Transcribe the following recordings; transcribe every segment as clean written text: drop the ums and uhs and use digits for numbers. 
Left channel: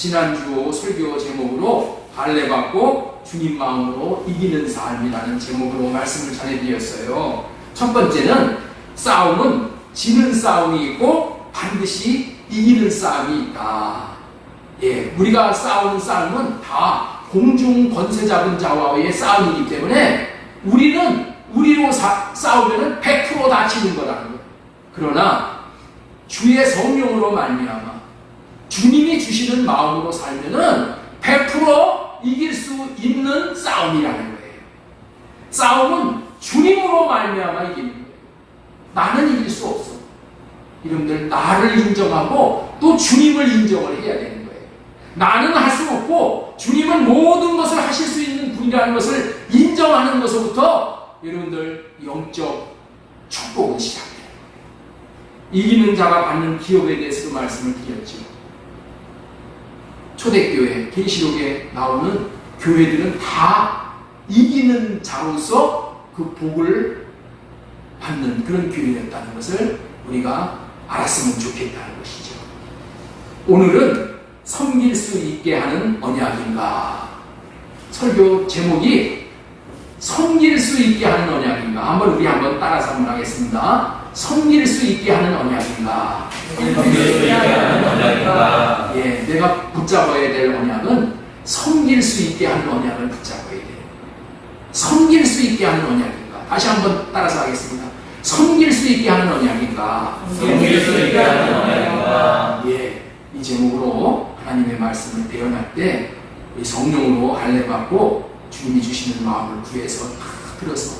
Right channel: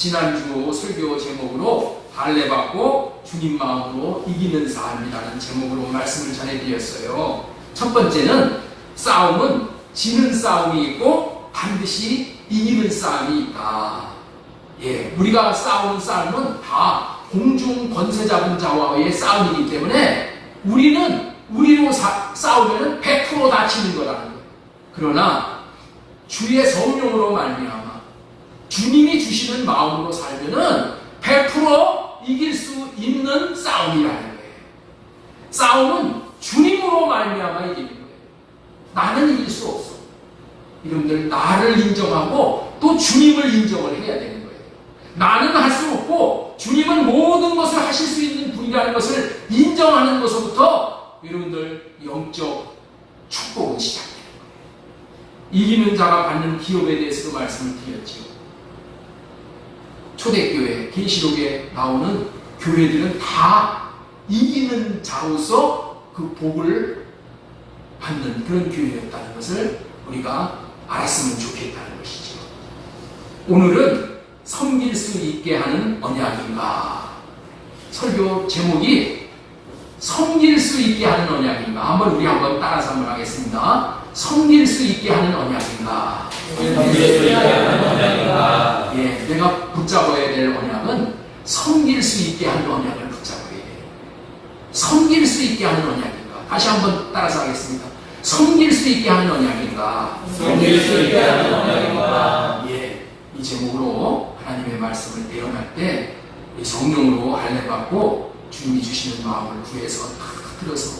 지난주 설교 제목으로 할례받고 주님 마음으로 이기는 삶이라는 제목으로 말씀을 전해드렸어요. 첫 번째는 싸움은 지는 싸움이 있고 반드시 이기는 싸움이 있다. 우리가 싸우는 싸움은 다 공중 권세 잡은 자와의 싸움이기 때문에 우리는 우리로 싸우면 100% 다치는 거라는 거예요. 그러나 주의 성령으로 말미암아 주님이 주시는 마음으로 살면은 100% 이길 수 있는 싸움이라는 거예요. 싸움은 주님으로 말미암아 이기는 거예요. 나는 이길 수 없어. 여러분들 나를 인정하고 또 주님을 인정을 해야 되는 거예요. 나는 할 수 없고 주님은 모든 것을 하실 수 있는 분이라는 것을 인정하는 것부터 여러분들 영적 축복은 시작돼요. 이기는 자가 받는 기업에 대해서도 말씀을 드렸죠. 초대교회, 계시록에 나오는 교회들은 다 이기는 자로서 그 복을 받는 그런 교회였다는 것을 우리가 알았으면 좋겠다는 것이죠. 오늘은 섬길 수 있게 하는 언약인가? 설교 제목이 섬길 수 있게 하는 언약인가? 우리 한번 따라서 한번 하겠습니다. 섬길 수 있게 하는 언약인가? 섬길 수 있게 하는 언약인가? 내가 붙잡아야 될 언약은 섬길 수 있게 하는 언약을 붙잡아야 돼요. 섬길 수 있게 하는 언약인가? 다시 한번 따라서 하겠습니다. 섬길 수 있게 하는 언약인가? 섬길 수 있게 하는 언약인가? 이 제목으로 하나님의 말씀을 대언할 때 이 성령으로 할례받고 주님이 주시는 마음을 구해서 다 들어서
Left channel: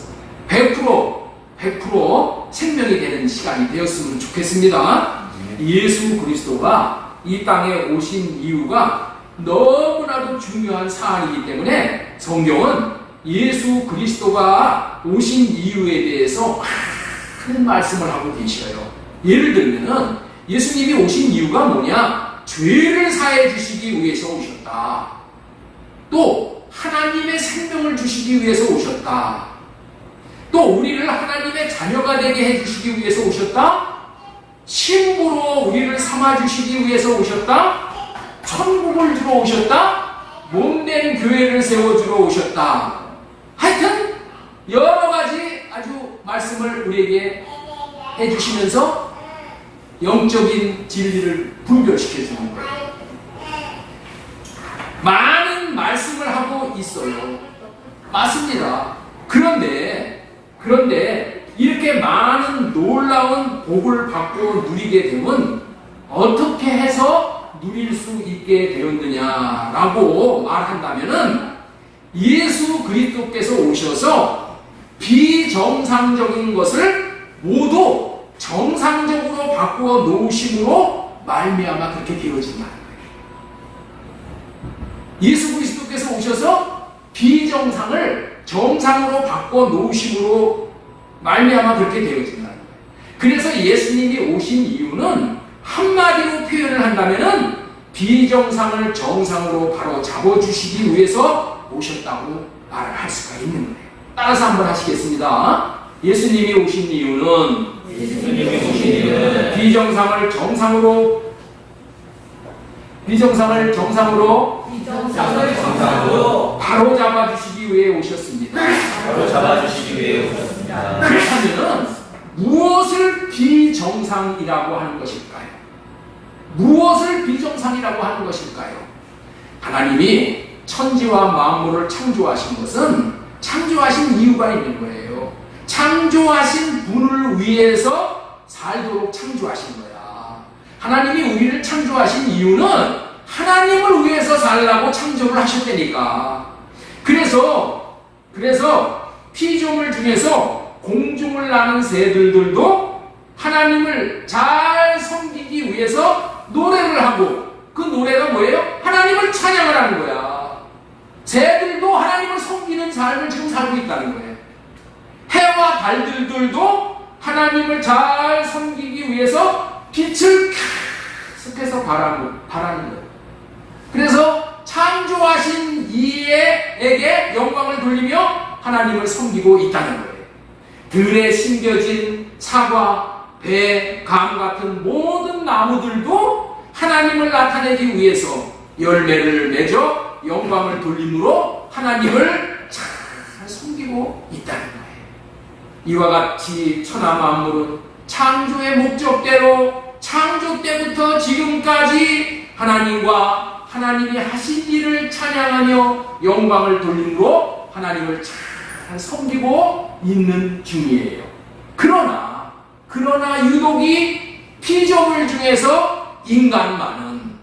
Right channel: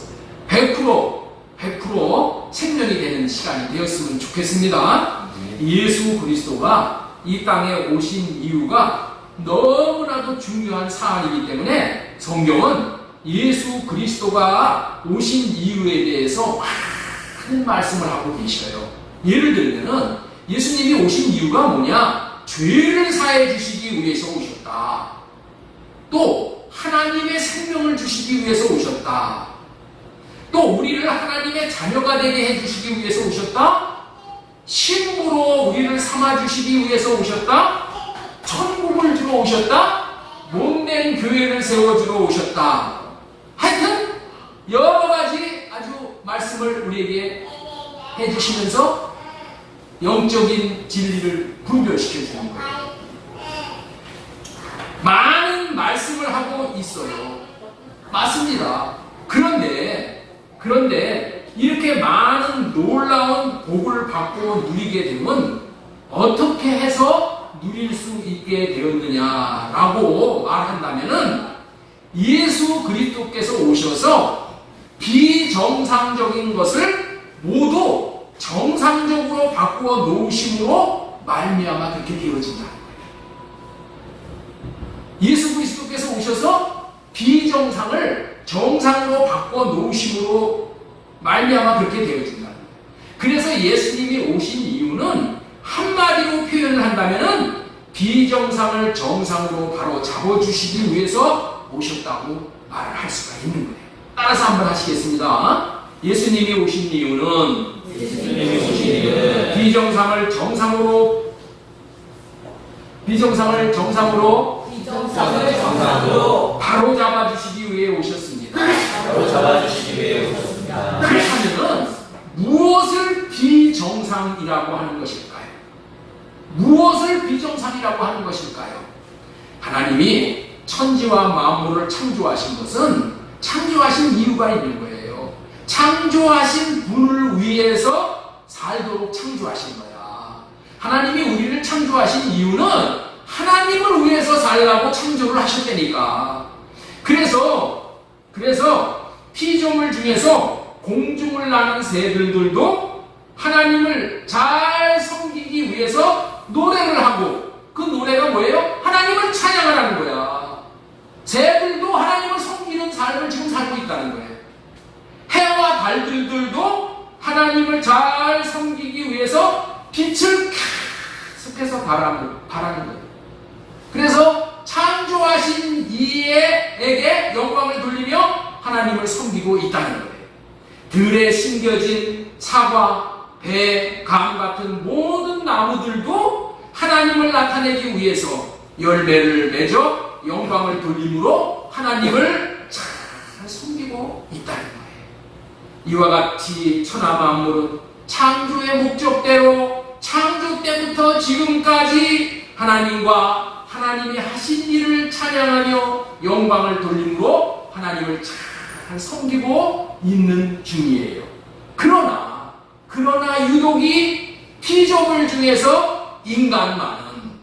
100% 생명이 되는 시간이 되었으면 좋겠습니다. 예수 그리스도가 이 땅에 오신 이유가 너무나도 중요한 사안이기 때문에 성경은 예수 그리스도가 오신 이유에 대해서 많은 말씀을 하고 계셔요. 예를 들면 예수님이 오신 이유가 뭐냐? 죄를 사해 주시기 위해서 오셨다. 또 하나님의 생명을 주시기 위해서 오셨다. 또 우리를 하나님의 자녀가 되게 해주시기 위해서 오셨다. 신부로 우리를 삼아주시기 위해서 오셨다. 천국을 주러 오셨다. 몸된 교회를 세워주러 오셨다. 하여튼 여러 가지 아주 말씀을 우리에게 해주시면서 영적인 진리를 분별시켜주는 거예요. 많은 말씀을 하고 있어요. 맞습니다. 그런데 이렇게 많은 놀라운 복을 받고 누리게 되면 어떻게 해서 누릴 수 있게 되었느냐라고 말한다면은 예수 그리스도께서 오셔서 비정상적인 것을 모두 정상적으로 바꾸어 놓으심으로 말미암아 그렇게 되어진다. 예수 그리스도께서 오셔서 비정상을 정상으로 바꿔 놓으심으로 말미암아 그렇게 되어진다는 거예요. 그래서 예수님이 오신 이유는 한마디로 표현을 한다면은 비정상을 정상으로 바로 잡아주시기 위해서 오셨다고 말을 할 수가 있는 거예요. 따라서 한번 하시겠습니다. 예수님이 오신 이유는 비정상을 정상으로 바로 잡아주시기 위해 오셨습니다. 그렇다면 무엇을 비정상이라고 하는 것일까요? 무엇을 비정상이라고 하는 것일까요? 하나님이 천지와 만물을 창조하신 것은 창조하신 이유가 있는 거예요. 창조하신 분을 위해서 살도록 창조하신 거야. 하나님이 우리를 창조하신 이유는 하나님을 위해서 살라고 창조를 하셨다니까. 그래서 피조물 중에서 공중을 나는 새들도 하나님을 잘 섬기기 위해서 노래를 하고, 그 노래가 뭐예요? 하나님을 찬양을 하는 거야. 새들도 하나님을 섬기는 삶을 지금 살고 있다는 거예요. 해와 달들도 하나님을 잘 섬기기 위해서 빛을 계속해서 바라는 거예요. 그래서 창조하신 이에게 영광을 돌리며 하나님을 섬기고 있다는 거예요. 들에 심겨진 사과, 배, 감 같은 모든 나무들도 하나님을 나타내기 위해서 열매를 맺어 영광을 돌림으로 하나님을 잘 섬기고 있다는 거예요. 이와 같이 천하 만물은 창조의 목적대로 창조 때부터 지금까지 하나님과 하나님이 하신 일을 찬양하며 영광을 돌림으로 하나님을 잘 섬기고 있는 중이에요. 그러나 유독이 피조물 중에서 인간만은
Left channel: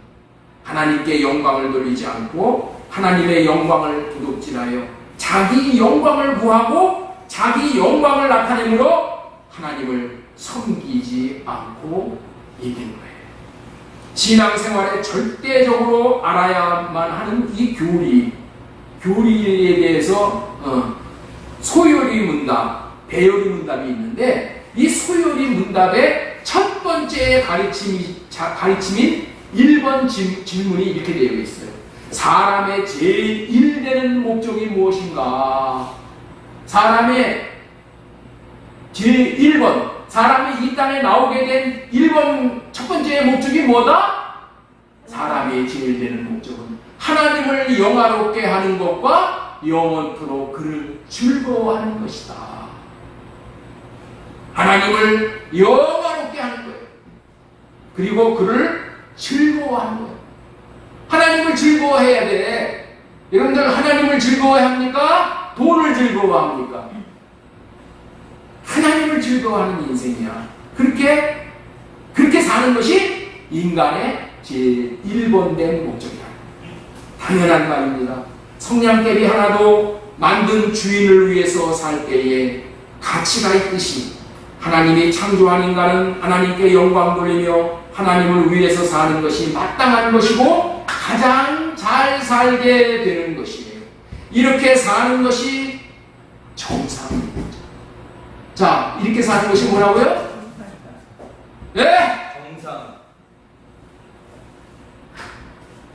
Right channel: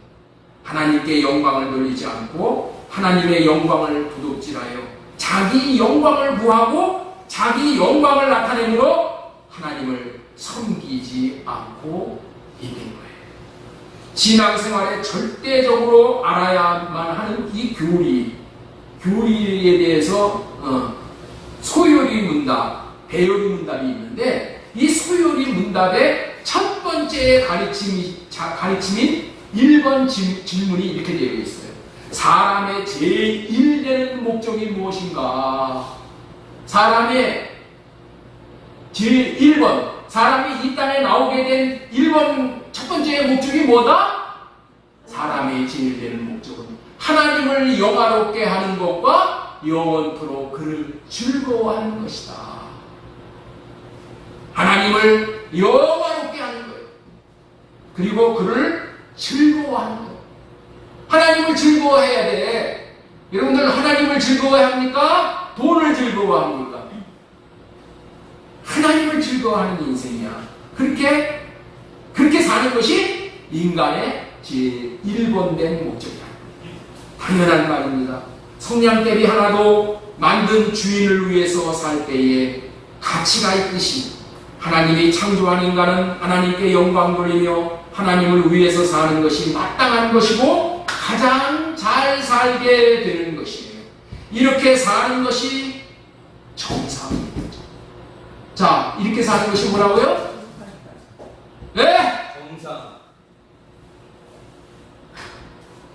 하나님께 영광을 돌리지 않고 하나님의 영광을 도둑질하여 자기 영광을 구하고 자기 영광을 나타내므로 하나님을 섬기지 않고 있는 거예요. 신앙생활에 절대적으로 알아야만 하는 이 교리에 대해서 소요리 문답, 배요리 문답이 있는데 이 소요리 문답의 첫 번째 가르침인 1번 질문이 이렇게 되어 있어요. 사람의 제1되는 목적이 무엇인가? 사람의 제1번, 사람이 이 땅에 나오게 된 1번 첫 번째 목적이 뭐다? 사람의 제일 되는 목적은 하나님을 영화롭게 하는 것과 영원토록 그를 즐거워하는 것이다. 하나님을 영화롭게 하는 거예요. 그리고 그를 즐거워하는 거예요. 하나님을 즐거워해야 돼. 여러분들 하나님을 즐거워해야 합니까? 돈을 즐거워합니까? 하나님을 즐거워하는 인생이야. 그렇게 사는 것이 인간의 제1번된 목적이야. 당연한 말입니다. 성냥개비 하나도 만든 주인을 위해서 살 때에 가치가 있듯이 하나님이 창조한 인간은 하나님께 영광 돌리며 하나님을 위해서 사는 것이 마땅한 것이고 가장 잘 살게 되는 것이에요. 이렇게 사는 것이 정상입니다. 자, 이렇게 사는 것이 뭐라고요? 네? 정상.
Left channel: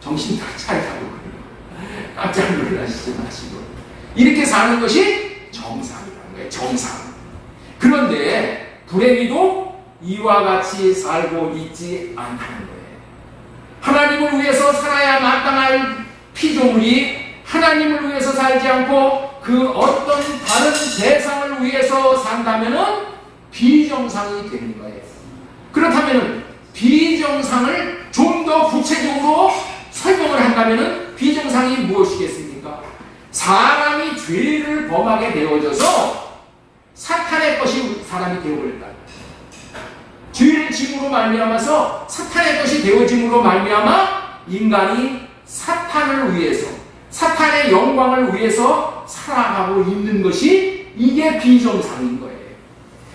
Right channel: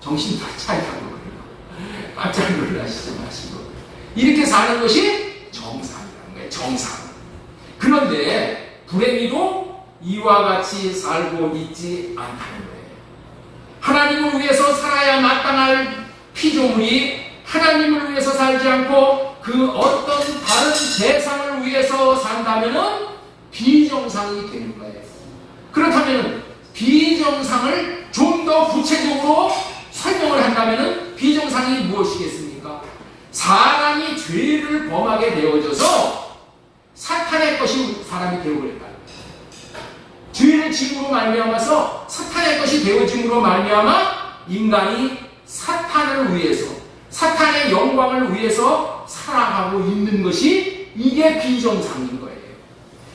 정신 다 차리라고 깜짝 놀라시지 마시고 이렇게 사는 것이 정상이라는 거예요. 정상. 그런데 불행히도 이와 같이 살고 있지 않다는 거예요. 하나님을 위해서 살아야 마땅할 피조물이 하나님을 위해서 살지 않고 그 어떤 다른 대상을 위해서 산다면은 비정상이 되는 거예요. 그렇다면은 비정상을 좀 더 구체적으로 설명을 한다면은 비정상이 무엇이겠습니까? 사람이 죄를 범하게 되어져서 사탄의 것이 사람이 되어버렸다는 거예요. 죄를 짐으로 말미암아서 사탄의 것이 되어짐으로 말미암아 인간이 사탄을 위해서 사탄의 영광을 위해서 살아가고 있는 것이 이게 비정상인 거예요.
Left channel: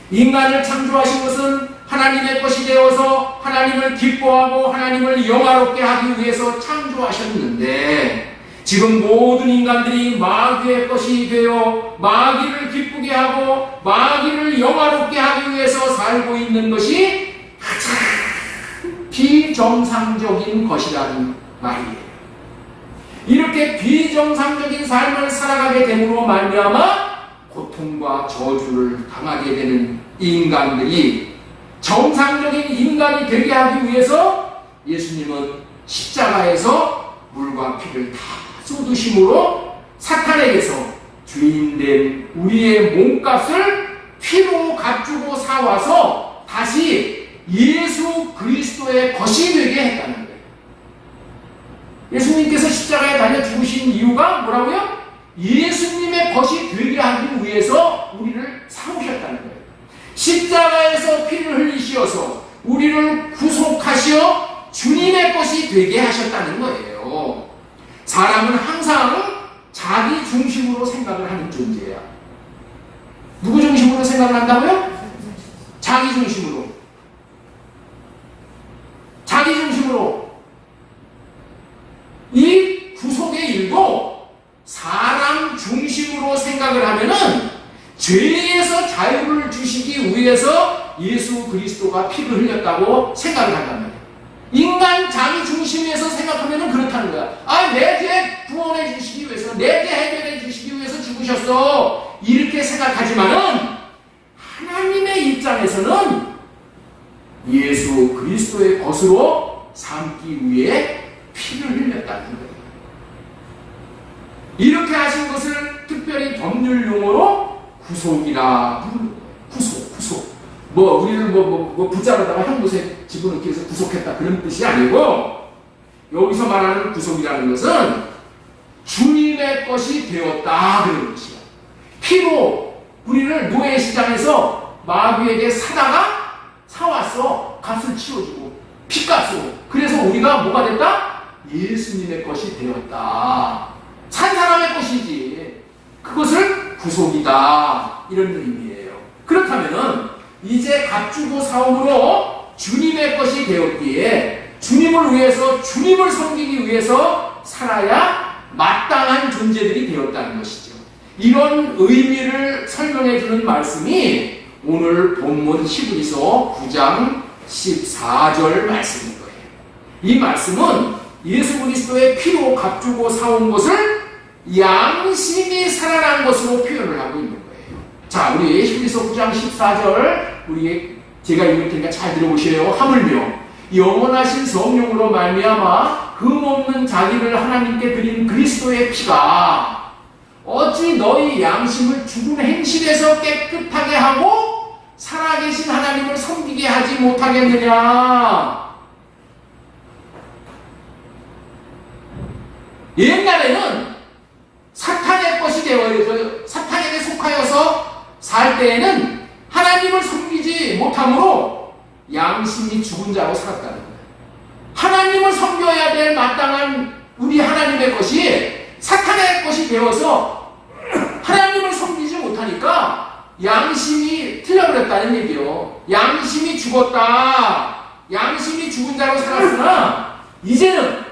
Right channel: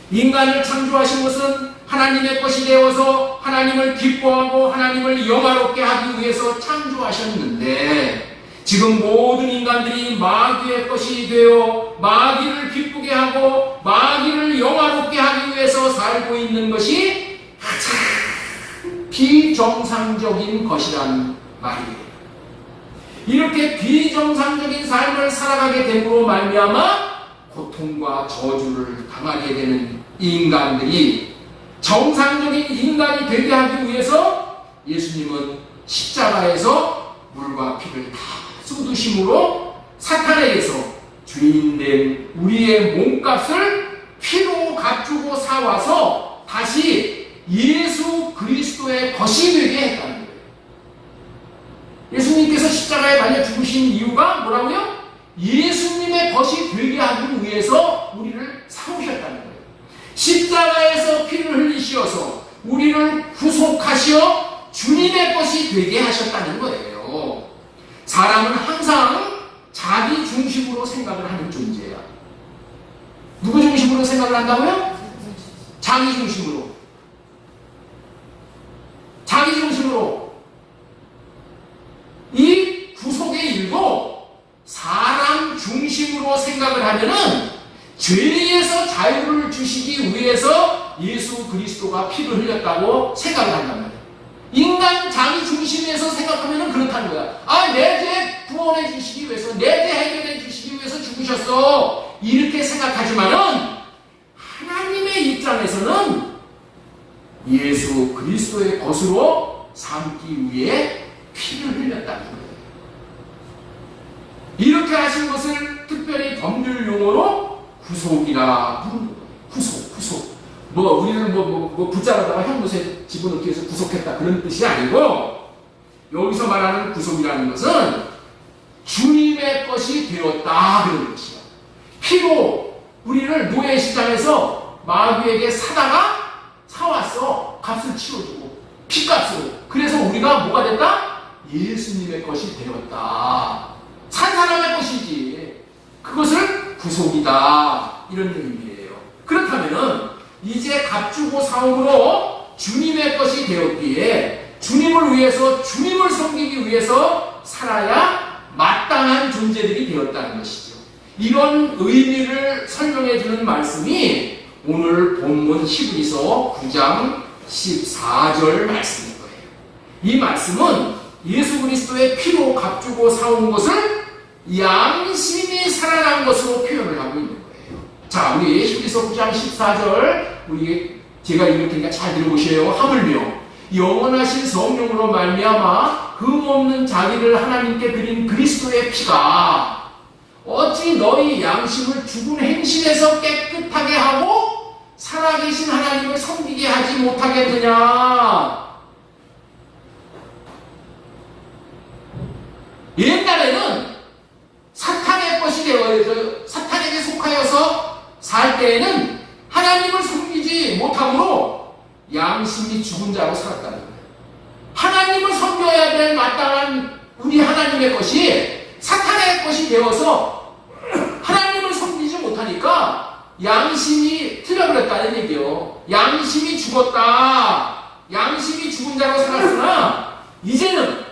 인간을 창조하신 것은 하나님의 것이 되어서 하나님을 기뻐하고 하나님을 영화롭게 하기 위해서 창조하셨는데 지금 모든 인간들이 마귀의 것이 되어 마귀를 기쁘게 하고 마귀를 영화롭게 하기 위해서 살고 있는 것이 가장 비정상적인 것이라는 말이에요. 이렇게 비정상적인 삶을 살아가게 됨으로 말미암아 고통과 저주를 당하게 되는 이 인간들이 정상적인 인간이 되게 하기 위해서 예수님은 십자가에서 물과 피를 다 쏟으심으로 사탄에게서 주인된 우리의 몸값을 피로 값주고 사와서 다시 예수 그리스도의 것이 되게 했다는 거예요. 예수님께서 십자가에 달려 죽으신 이유가 뭐라고요? 예수님의 것이 되게 하기 위해서 우리를 사오셨다는 거예요. 십자가에서 피를 흘리시어서 우리를 구속하시어 주님의 것이 되게 하셨다는 거예요. 사람은 항상 자기 중심으로 생각을 하는 존재야. 누구 중심으로 생각을 한다고요? 자기 중심으로. 자기 중심으로. 이 구속의 일도 사람 중심으로 생각을 하면은 죄에서 자유를 주시기 위해서 예수 그리스도가 피를 흘렸다고 생각을 한단 말이에요. 인간 자기 중심에서 생각하면 그렇다는 거야. 아, 내 죄 구원해 주시기 위해서, 내 죄 해결해 주시기 위해서 죽으셨어. 이렇게 생각하지만은 하나님의 입장에서는 예수 그리스도의 것으로 삼기 위해 피를 흘렸다는 거예요. 이렇게 하신 것을 특별히 법률 용어로 구속이라 부르는 거예요. 구속. 우리는 붙잡아다가 형무소에 집어넣기 위해서 구속했다 그런 뜻이 아니고, 여기서 말하는 구속이라는 것은 주님의 것이 되었다 그런 것이야. 피로 우리를 노예 시장에서 마귀에게 사왔어. 값을 치러주고 피값으로. 그래서 우리가 뭐가 됐다? 예수님의 것이 되었다. 산 사람의 것이지. 그것을 구속이다 이런 의미예요. 그렇다면은 이제 값주고 사옴으로 주님의 것이 되었기에 주님을 위해서, 주님을 섬기기 위해서 살아야 마땅한 존재들이 되었다는 것이죠. 이런 의미를 설명해 주는 말씀이 오늘 본문 히브리서 9장 14절 말씀인 거예요. 이 말씀은 예수 그리스도의 피로 값주고 사온 것을 양심이 살아난 것으로 표현을 하고 있는 거예요. 자, 우리 히브리서 9장 14절 제가 읽을 테니까 잘 들어보세요. 하물며 영원하신 성령으로 말미암아 흠없는 자기를 하나님께 드린 그리스도의 피가 어찌 너희 양심을 죽은 행실에서 깨끗하게 하고 살아계신 하나님을 섬기게 하지 못하겠느냐. 옛날에는 사탄의 것이 되어서 사탄에게 속하여서 살 때에는 하나님을 섬기지 못함으로 양심이 죽은 자로 살았다는 거예요. 하나님을 섬겨야 될 마땅한 우리 하나님의 것이 사탄의 것이 되어서 하나님을 섬기지 못하니까 양심이 틀려버렸다는 얘기예요. 양심이 죽었다. 양심이 죽은 자로 살았으나 이제는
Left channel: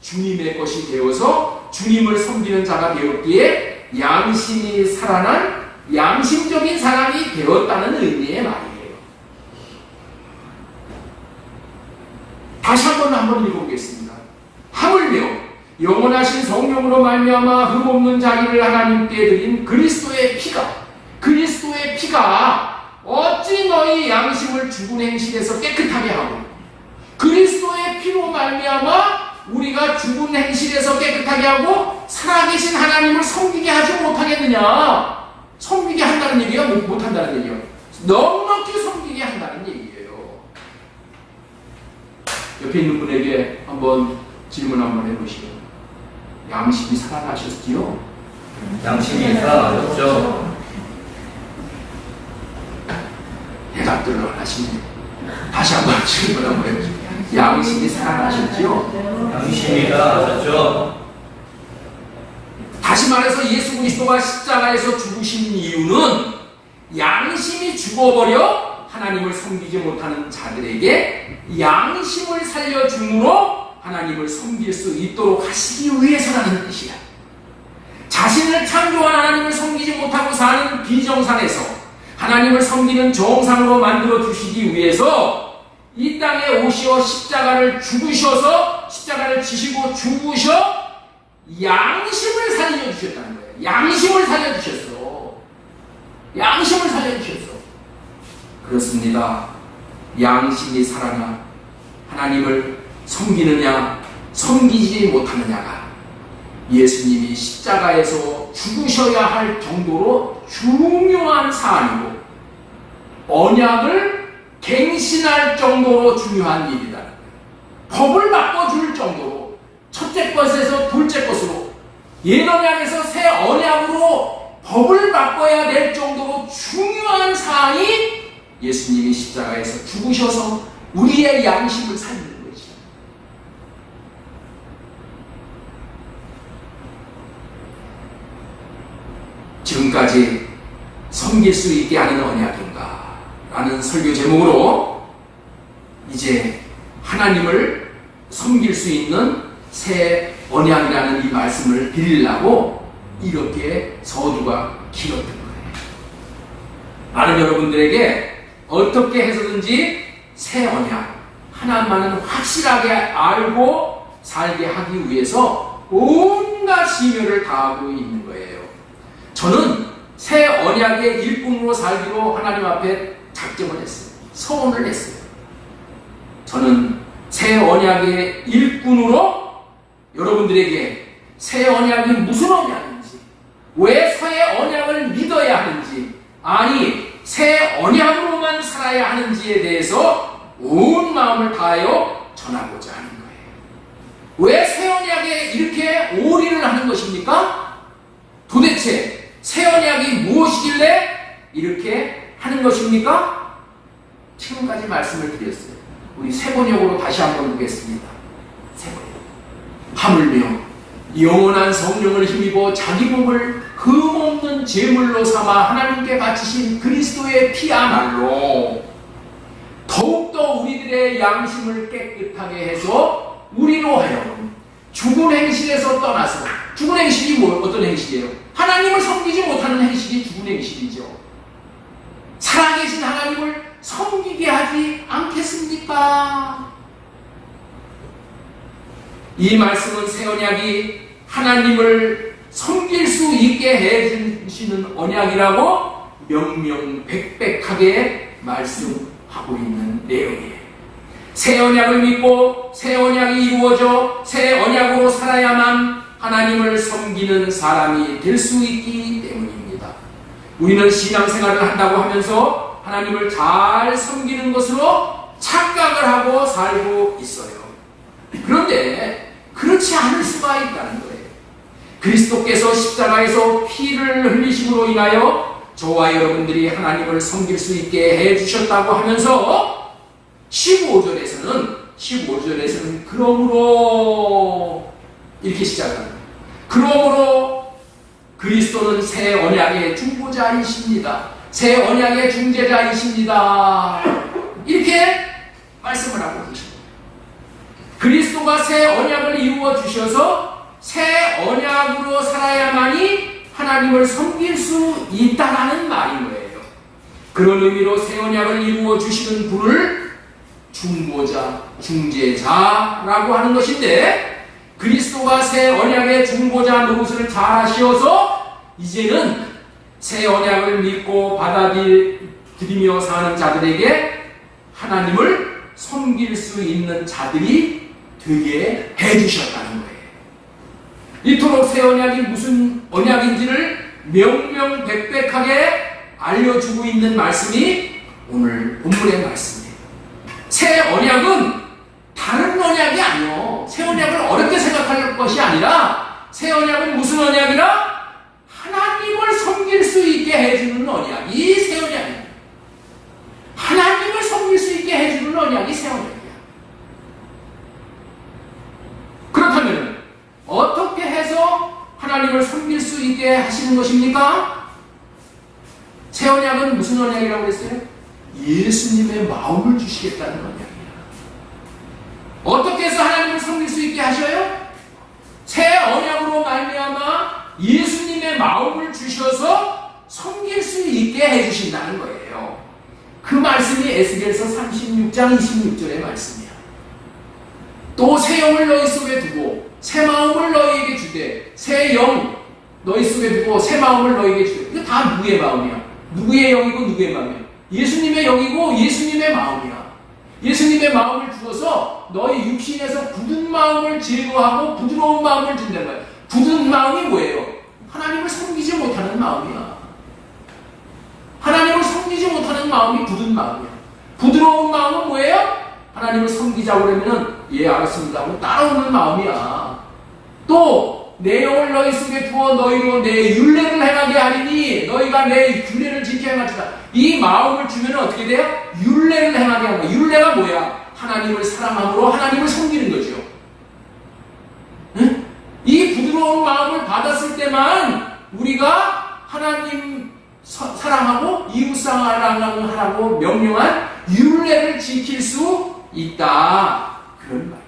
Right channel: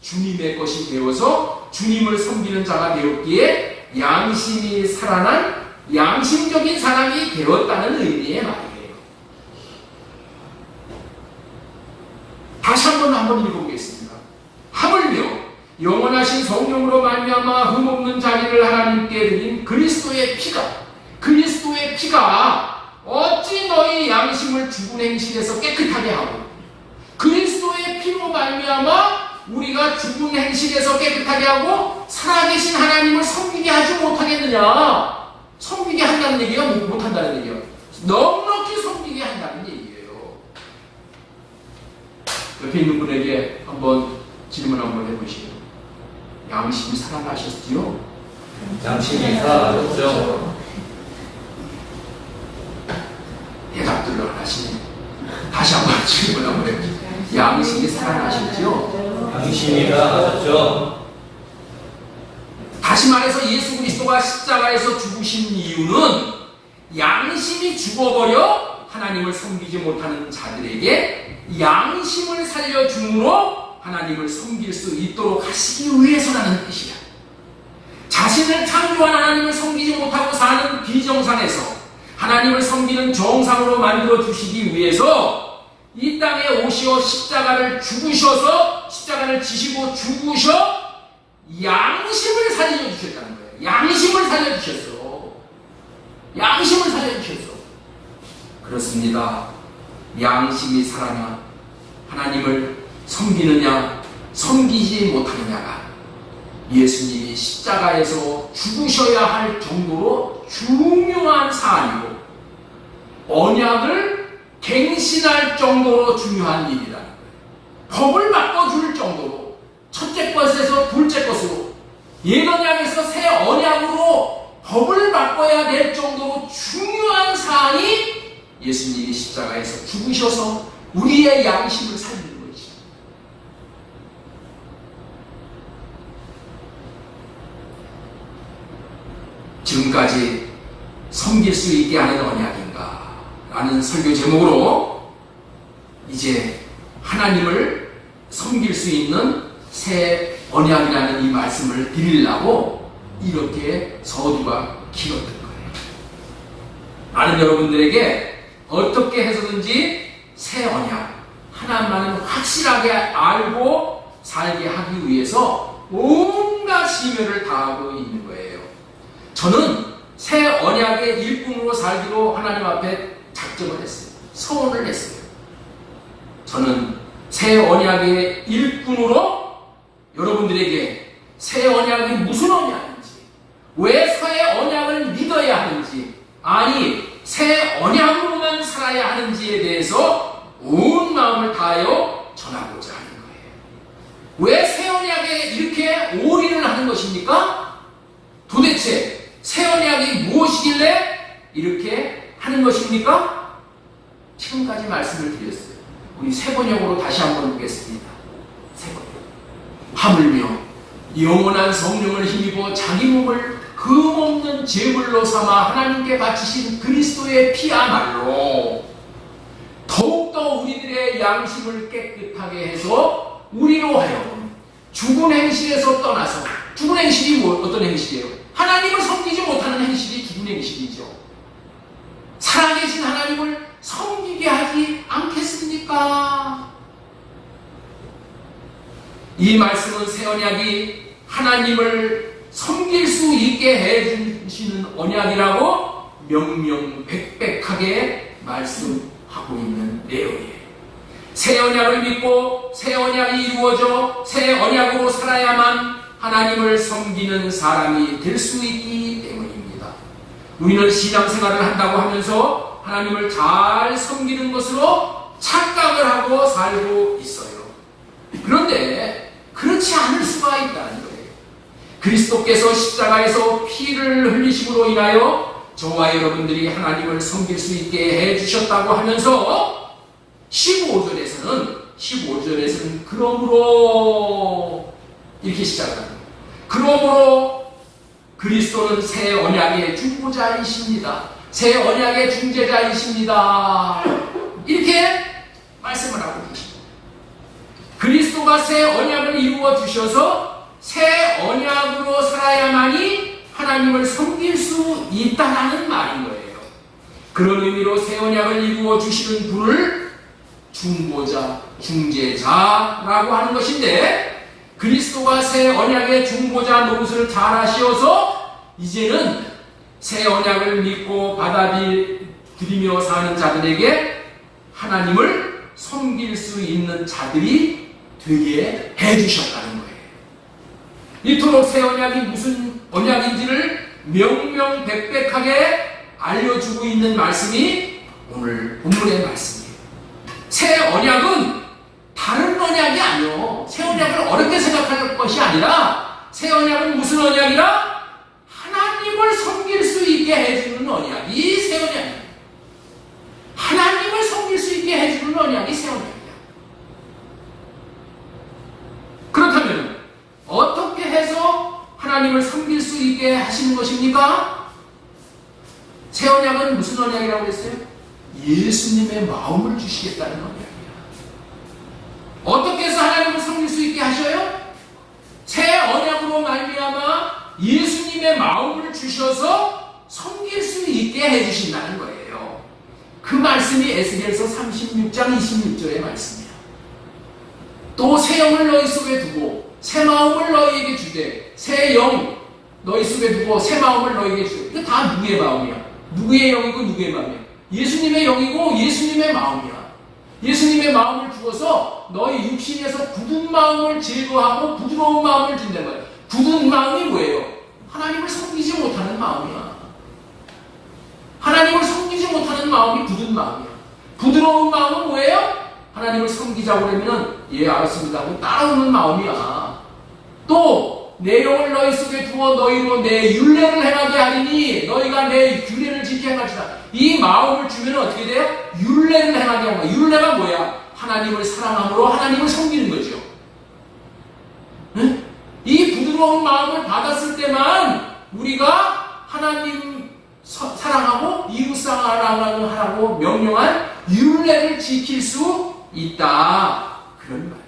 주님의 것이 되어서 주님을 섬기는 자가 되었기에 양심이 살아난 양심적인 사람이 되었다는 의미의 말이에요. 다시 한번 읽어보겠습니다. 하물며 영원하신 성령으로 말미암아 흠없는 자기를 하나님께 드린 그리스도의 피가 어찌 너희 양심을 죽은 행실에서 깨끗하게 하고, 그리스도의 피로 말미암아 우리가 죽은 행실에서 깨끗하게 하고 살아계신 하나님을 섬기게 하지 못하겠느냐. 섬기게 한다는 얘기가 못한다는 얘기예요. 넉넉히 섬기게 한다는 얘기예요. 옆에 있는 분에게 한번 질문 한번 해보시죠. 양심이 살아나셨지요? 양심이 살아나셨죠? 대답들을 안 하시네. 다시 한번 질문 한번 해보시죠. 양심이 살아나셨지요? 양심이 살아나셨죠? 다시 말해서 예수 그리스도가 십자가에서 죽으신 이유는 양심이 죽어버려 하나님을 섬기지 못하는 자들에게 양심을 살려줌으로 하나님을 섬길 수 있도록 하시기 위해서라는 뜻이야. 자신을 창조한 하나님을 섬기지 못하고 사는 비정상에서 하나님을 섬기는 정상으로 만들어 주시기 위해서 이 땅에 오시어 십자가를 지시고 죽으셔 양심을 살려주셨다는 거예요. 양심을 살려주셨어. 양심을 살려주셨어. 그렇습니다. 양심이 살아나 하나님을 섬기느냐 섬기지 못하느냐가 예수님이 십자가에서 죽으셔야 할 정도로 중요한 사안이고 언약을 갱신할 정도로 중요한 일이라는 거예요. 법을 바꿔줄 정도로 첫째 것에서 둘째 것으로 옛 언약에서 새 언약으로 법을 바꿔야 될 정도로 중요한 사안이 예수님이 십자가에서 죽으셔서 우리의 양심을 살리는 것이죠. 지금까지 섬길 수 있게 하는 언약인가 라는 설교 제목으로 이제 하나님을 섬길 수 있는 새 언약이라는 이 말씀을 드리려고 이렇게 서두가 길었던 거예요. 많은 여러분들에게 어떻게 해서든지 새 언약 하나만은 확실하게 알고 살게 하기 위해서 온갖 심혈을 다하고 있는 거예요. 저는 새 언약의 일꾼으로 살기로 하나님 앞에 작정을 했어요. 서원을 했어요. 저는 새 언약의 일꾼으로 여러분들에게 새 언약이 무슨 언약인지, 왜 새 언약을 믿어야 하는지, 아니 새 언약으로만 살아야 하는지에 대해서 온 마음을 다하여 전하고자 하는 거예요. 왜 새 언약에 이렇게 올인을 하는 것입니까? 도대체 새 언약이 무엇이길래 이렇게 하는 것입니까? 지금까지 말씀을 드렸어요. 우리 새 번역으로 다시 한번 보겠습니다. 새 번역. 하물며 영원한 성령을 힘입어 자기 몸을 흠없는 제물로 삼아 하나님께 바치신 그리스도의 피야말로 더욱더 우리들의 양심을 깨끗하게 해서 우리로 하여금 죽은 행실에서 떠나서, 죽은 행실이 어떤 행실이에요? 하나님을 섬기지 못하는 행실이 죽은 행실이죠. 살아계신 하나님을 섬기게 하지 않겠습니까? 이 말씀은 새 언약이 하나님을 섬길 수 있게 해주시는 언약이라고 명명백백하게 말씀하고 있는 내용이에요. 새 언약을 믿고 새 언약이 이루어져 새 언약으로 살아야만 하나님을 섬기는 사람이 될 수 있기 때문입니다. 우리는 신앙생활을 한다고 하면서 하나님을 잘 섬기는 것으로 착각을 하고 살고 있어요. 그런데 그렇지 않을 수가 있다는 거예요. 그리스도께서 십자가에서 피를 흘리심으로 인하여 저와 여러분들이 하나님을 섬길 수 있게 해주셨다고 하면서 15절에서는 그러므로 이렇게 시작합니다. 그러므로 그리스도는 새 언약의 중보자이십니다. 새 언약의 중재자이십니다. 이렇게 말씀을 하고 계십니다. 그리스도가 새 언약을 이루어 주셔서 새 언약으로 살아야만이 하나님을 섬길 수 있다는 말인 거예요. 그런 의미로 새 언약을 이루어 주시는 분을 중보자, 중재자라고 하는 것인데, 그리스도가 새 언약의 중보자 노릇을 잘 하시어서 이제는 새 언약을 믿고 받아들이며 사는 자들에게 하나님을 섬길 수 있는 자들이 되게 해주셨다는 거예요. 이토록 새 언약이 무슨 언약인지를 명명백백하게 알려주고 있는 말씀이 오늘 본문의 말씀이에요. 새 언약은 다른 언약이 아니요. 새 언약을 어렵게 생각할 것이 아니라, 새 언약은 무슨 언약이라? 하나님을 섬길 수 있게 해주는 언약이 새 언약입니다. 하나님을 섬길 수 있게 해주는 언약이 새 언약이야. 그렇다면 어떻게 해서 하나님을 섬길 수 있게 하시는 것입니까? 새 언약은 무슨 언약이라고 했어요? 예수님의 마음을 주시겠다는 언약이야. 어떻게 해서 하나님을 섬길 수 있게 하셔요? 새 언약으로 말미암아 예수님의 마음을 주셔서 섬길 수 있게 해주신다는 거예요. 그 말씀이 에스겔서 36장 26절의 말씀이야. 또 새 영을 너희 속에 두고 새 마음을 너희에게 주되, 새 영 너희 속에 두고 새 마음을 너희에게 주되. 이거 다 누구의 마음이야? 누구의 영이고 누구의 마음이야? 예수님의 영이고 예수님의 마음이야. 예수님의 마음을 주어서 너희 육신에서 굳은 마음을 제거하고 부드러운 마음을 준단 말이야. 굳은 마음이 뭐예요? 하나님을 섬기지 못하는 마음이야. 하나님을 섬기지 못하는 마음이 굳은 마음이야. 부드러운 마음은 뭐예요? 하나님을 섬기자고 그러면 예 알았습니다 하고 따라오는 마음이야. 또 내 영을 너희 속에 두어 너희로 내 율례를 행하게 하리니 너희가 내 율례를 지켜 행하리라. 이 마음을 주면 어떻게 돼요? 율례를 행하게 하는 거야. 율례가 뭐야? 하나님을 사랑함으로 하나님을 섬기는 거죠. 응? 이 부드러운 마음을 받았을 때만 우리가 하나님 사랑하고 이웃 사랑하라고 명령한 율례를 지킬 수 있다. 그런 말이에요.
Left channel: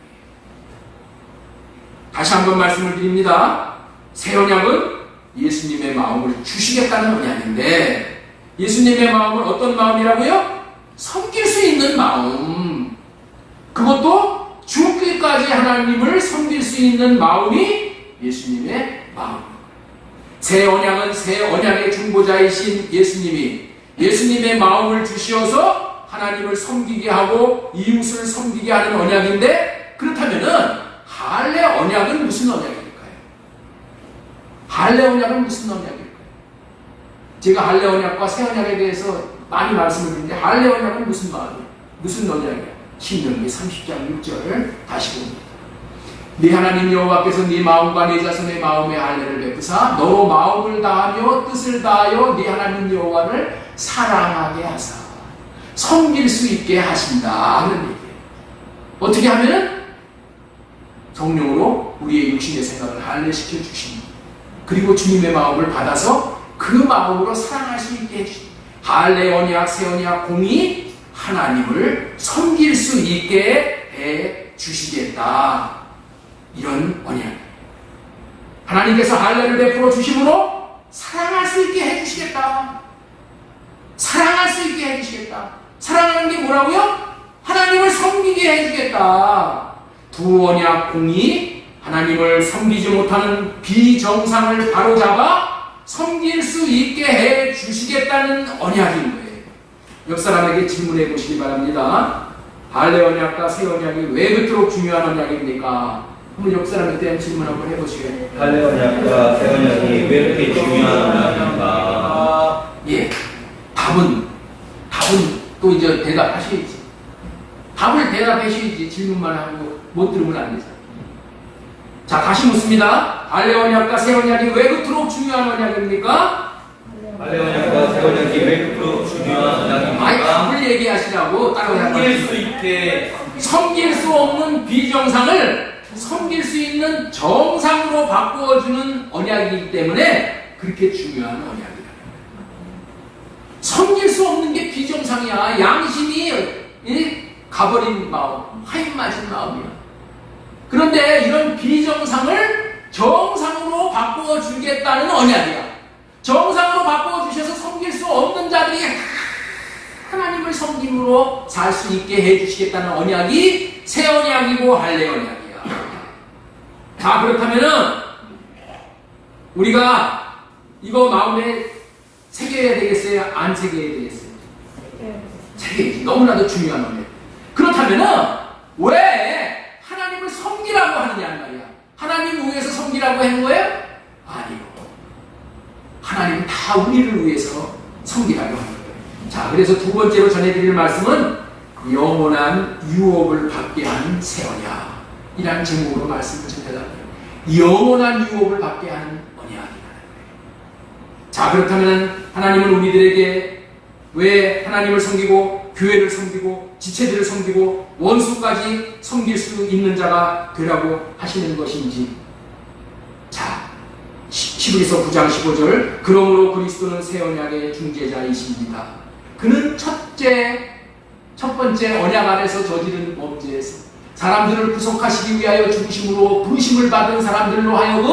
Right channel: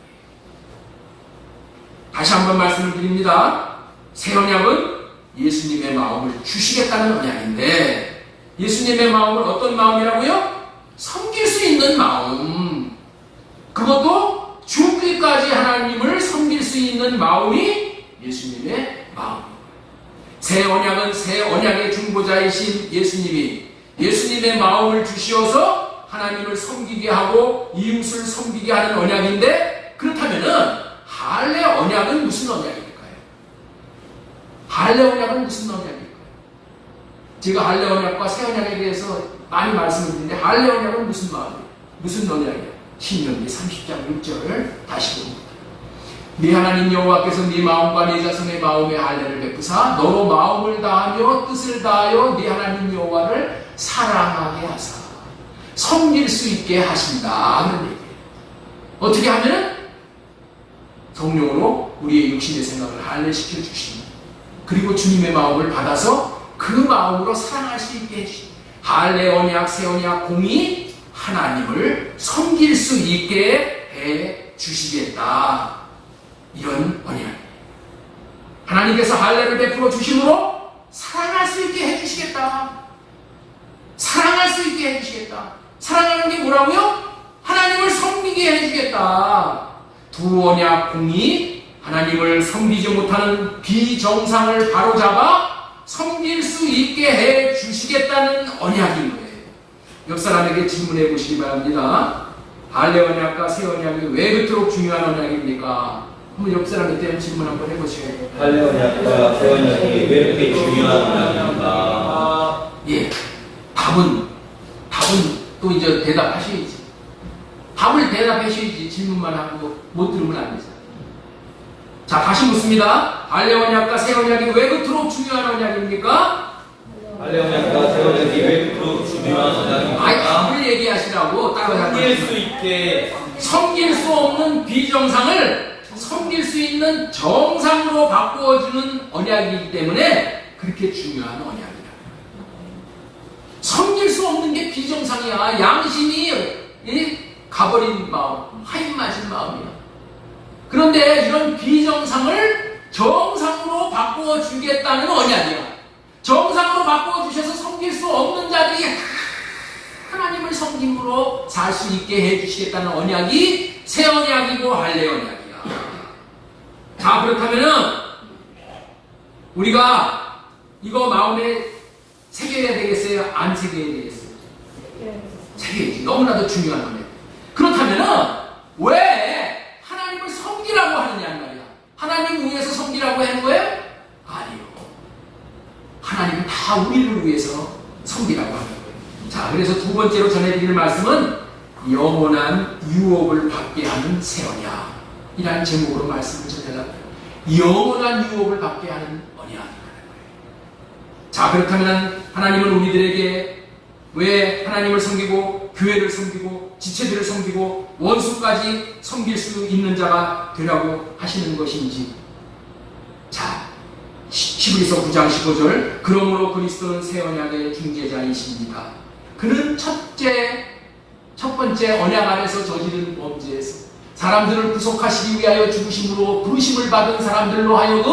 다시 한번 말씀을 드립니다. 새 언약은 예수님의 마음을 주시겠다는 언약인데, 예수님의 마음은 어떤 마음이라고요? 섬길 수 있는 마음. 그것도 죽기까지 하나님을 섬길 수 있는 마음이 예수님의 마음. 새 언약은 새 언약의 중보자이신 예수님이 예수님의 마음을 주시어서 하나님을 섬기게 하고 이웃을 섬기게 하는 언약인데, 그렇다면은 할례 언약은 무슨 언약일까요? 할례 언약은 무슨 언약일까요? 제가 할례 언약과 새 언약에 대해서 많이 말씀을 드리는데 할례 언약은 무슨 마음이에요? 무슨 언약이야? 신명기 30장 6절 다시 봅니다. 네 하나님 여호와께서 네 마음과 네 자손의 마음에 할례를 베푸사 너로 마음을 다하며 뜻을 다하여 네 하나님 여호와를 사랑하게 하사 섬길 수 있게 하신다. 그런 얘기예요. 어떻게 하면은 성령으로 우리의 육신의 생각을 할례시켜 주십니다. 그리고 주님의 마음을 받아서 그 마음으로 사랑할 수 있게 해주십니다. 할례 언약, 새 언약, 공이 하나님을 섬길 수 있게 해 주시겠다. 이런 언약. 하나님께서 할례를 베풀어 주심으로 사랑할 수 있게 해 주시겠다. 사랑할 수 있게 해 주시겠다. 사랑하는 게 뭐라고요? 하나님을 섬기게 해 주겠다. 두 언약 공이 하나님을 섬기지 못하는 비정상을 바로잡아 섬길 수 있게 해 주시겠다는 언약인 거예요. 옆 사람에게 질문해 보시기 바랍니다. 할례 언약과 새 언약이 왜 그토록 중요한 언약입니까? 한번 옆 사람한테 질문 한번 해보시겠어요? 할례 언약과 새 언약이 왜 이렇게 중요한 언약인가? 예, 답은 또 이제 대답하셔야지. 답을 대답하셔야지. 질문만 하고 못 들으면 안 되죠. 자, 다시 묻습니다. 할례 언약과 새 언약이 왜 그토록 중요한 언약입니까? 할례 언약과 새 언약이 왜 그토록 중요한 언약입니까? 아니, 답을 얘기하시라고 따로 섬길 수 있게 섬길 수 없는 비정상을 섬길 수 있는 정상으로 바꾸어주는 언약이기 때문에 그렇게 중요한 언약이라. 섬길 수 없는 게 비정상이야. 양심이 가버린 마음, 하인 맞은 마음이야. 그런데 이런 비정상을 정상으로 바꾸어주겠다는 언약이야. 정상으로 바꾸어주셔서 섬길 수 없는 자들이 하나님을 섬김으로 살 수 있게 해주시겠다는 언약이 새 언약이고 할례 언약이야. 자, 그렇다면은 우리가 이거 마음에 새겨야 되겠어요? 안 새겨야 되겠어요? 새겨야지. 너무나도 중요한 건데. 그렇다면은 왜 하나님을 섬기라고 하느냐는 말이야. 하나님 위해서 섬기라고 하는 거예요? 아니요. 하나님은 다 우리를 위해서 섬기라고 하는 거예요. 자, 그래서 두 번째로 전해드릴 말씀은 영원한 유업을 받게 하는 새 언약이라는 제목으로 말씀을 전해드립니다. 영원한 유업을 받게 하는 언약이라는 거예요. 자, 그렇다면 하나님은 우리들에게 왜 하나님을 섬기고 교회를 섬기고 지체들을 섬기고 원수까지 섬길 수 있는 자가 되라고 하시는 것인지. 자, 히브리서 9장 15절 그러므로 그리스도는 새 언약의 중재자이십니다. 그는 첫 번째 언약 안에서 저지른 범죄에서 사람들을 구속하시기 위하여 죽으심으로 부르심을 받은 사람들로 하여금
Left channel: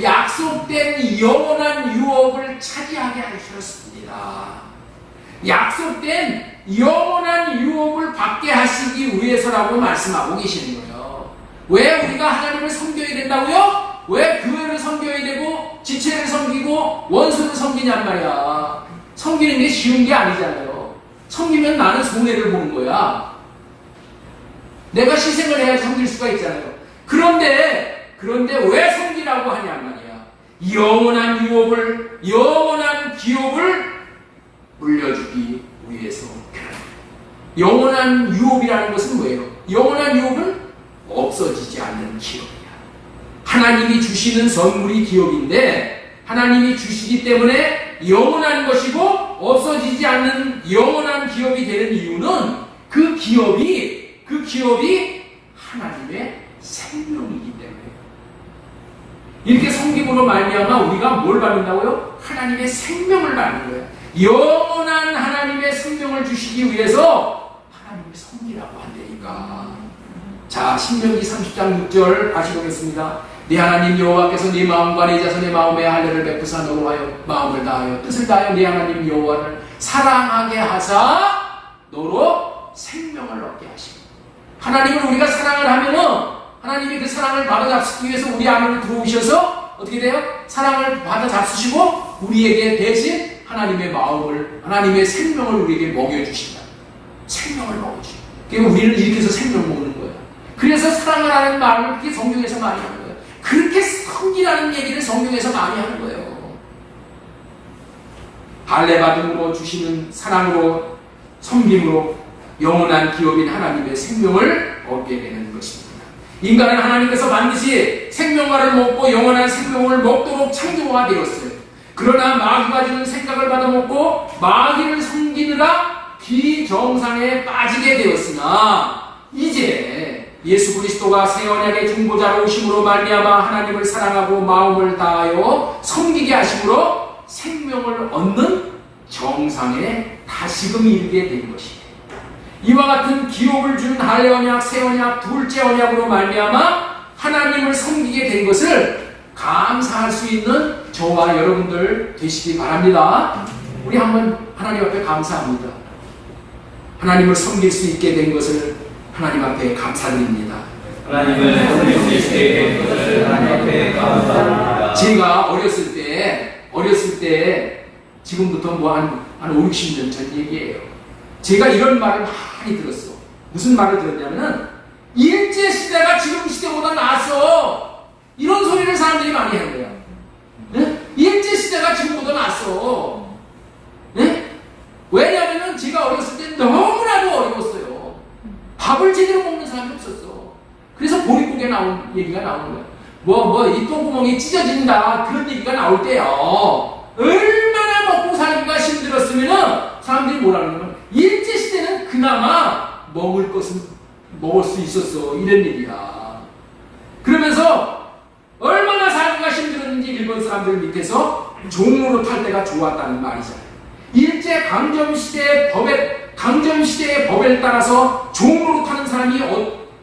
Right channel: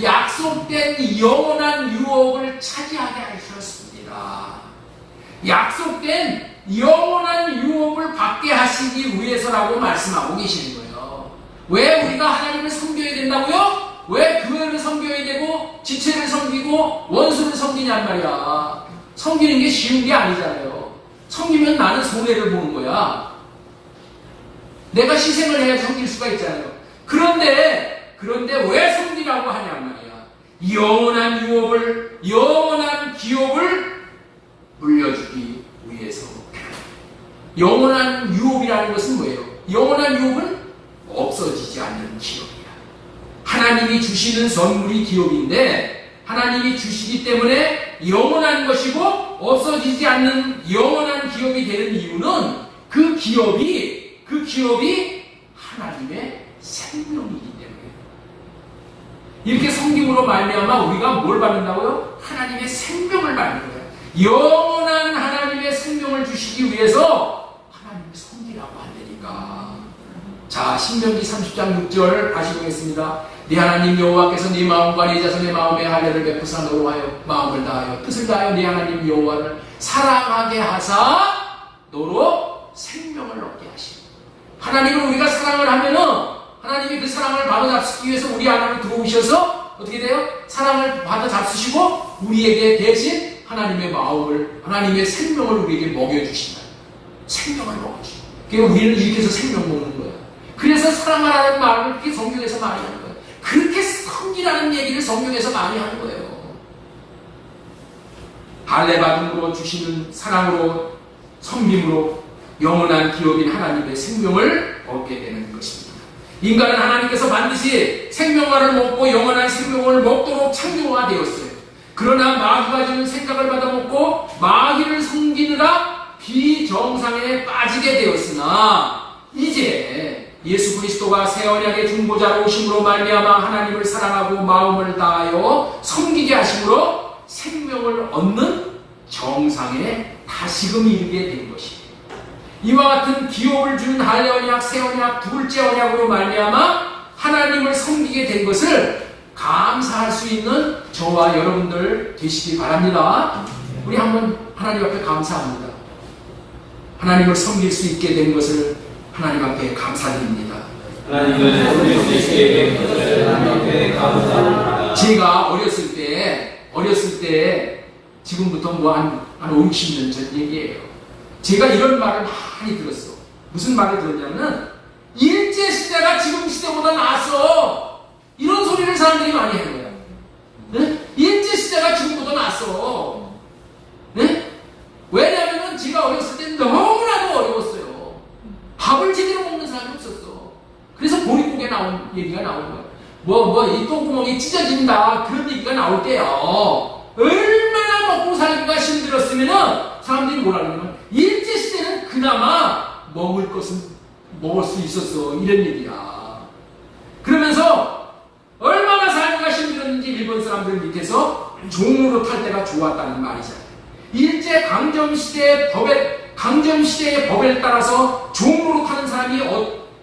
약속된 영원한 유업을 차지하게 하셨습니다. 약속된 영원한 유업을 받게 하시기 위해서라고 말씀하고 계시는 거예요. 왜 우리가 하나님을 섬겨야 된다고요? 왜 교회를 섬겨야 되고 지체를 섬기고 원수를 섬기냔 말이야. 섬기는 게 쉬운 게 아니잖아요. 섬기면 나는 손해를 보는 거야. 내가 희생을 해야 섬길 수가 있잖아요. 그런데 왜 섬기라고 하냔 말이야. 영원한 유업을, 영원한 기업을 물려주기 위해서. 영원한 유업이라는 것은 뭐예요? 영원한 유업은 없어지지 않는 기업이야. 하나님이 주시는 선물이 기업인데 하나님이 주시기 때문에 영원한 것이고 없어지지 않는 영원한 기업이 되는 이유는 그 기업이 하나님의 생명이기 때문에. 이렇게 섬김으로 말미암아 우리가 뭘 받는다고요? 하나님의 생명을 받는 거예요. 영원한 하나님의 생명을 주시기 위해서 하나님을 섬기라고 한다니까. 자, 신명기 30장 6절 다시 보겠습니다. 네 하나님 여호와께서 네 마음과 네 자손의 마음에 할례를 베푸사 너로 하여 마음을 다하여 뜻을 다하여 네 하나님 여호와를 사랑하게 하사 너로 생명을 얻게 하시고. 하나님은 우리가 사랑을 하면은 하나님이 그 사랑을 바로잡기 위해서 우리 안으로 들어오셔서 어떻게 돼요? 사랑을 바로잡수시고 우리에게 대신 하나님의 마음을, 하나님의 생명을 우리에게 먹여주신다. 생명을 먹어주신다. 그러니까 우리는 이렇게 해서 생명 먹는 거예요. 그래서 사랑하라는 말을 그렇게 성경에서 많이 하는 거예요. 그렇게 섬기라는 얘기를 성경에서 많이 하는 거예요. 할례 받음으로 주시는 사랑으로 섬김으로 영원한 기업인 하나님의 생명을 얻게 되는 것입니다. 인간은 하나님께서 반드시 생명과를 먹고 영원한 생명을 먹도록 창조화되었어요. 그러나 마귀가 주는 생각을 받아먹고 마귀를 섬기느라 비정상에 빠지게 되었으나 이제 예수 그리스도가 새 언약의 중보자로 오심으로 말미암아 하나님을 사랑하고 마음을 다하여 섬기게 하심으로 생명을 얻는 정상에 다시금 이르게 된 것이에요. 이와 같은 기업을 주는 할례 언약, 새 언약, 둘째 언약으로 말미암아 하나님을 섬기게 된 것을 감사할 수 있는 저와 여러분들 되시기 바랍니다. 우리 한번 하나님 앞에 감사합니다. 하나님을 섬길 수 있게 된 것을 하나님 앞에 감사드립니다. 하나님을 섬길 수 있게 된 것을 하나님 앞에 감사합니다. 제가 어렸을 때 지금부터 한 5, 60년 전 얘기예요. 제가 이런 말을 많이 들었어. 무슨 말을 들었냐면 일제시대가 지금 시대보다 나았어. 이런 소리를 사람들이 많이 한 거야. 네? 일제시대가 지금보다 나았어. 네? 왜냐하면 제가 어렸을 때 너무나도 어려웠어요. 밥을 제대로 먹는 사람이 없었어. 그래서 보릿고개 나온 얘기가 나오는 거야. 이 똥구멍이 찢어진다. 그런 얘기가 나올 때요. 얼마나 먹고 살기가 힘들었으면 사람들이 뭐라 그러냐면 일제시대는 그나마 먹을 것은 먹을 수 있었어. 이런 얘기야. 그러면서 얼마나 살기가 힘들었는지 일본 사람들 밑에서 종로로 탈 때가 좋았다는 말이잖아요. 일제 강점시대의 법에 따라서 종로로 타는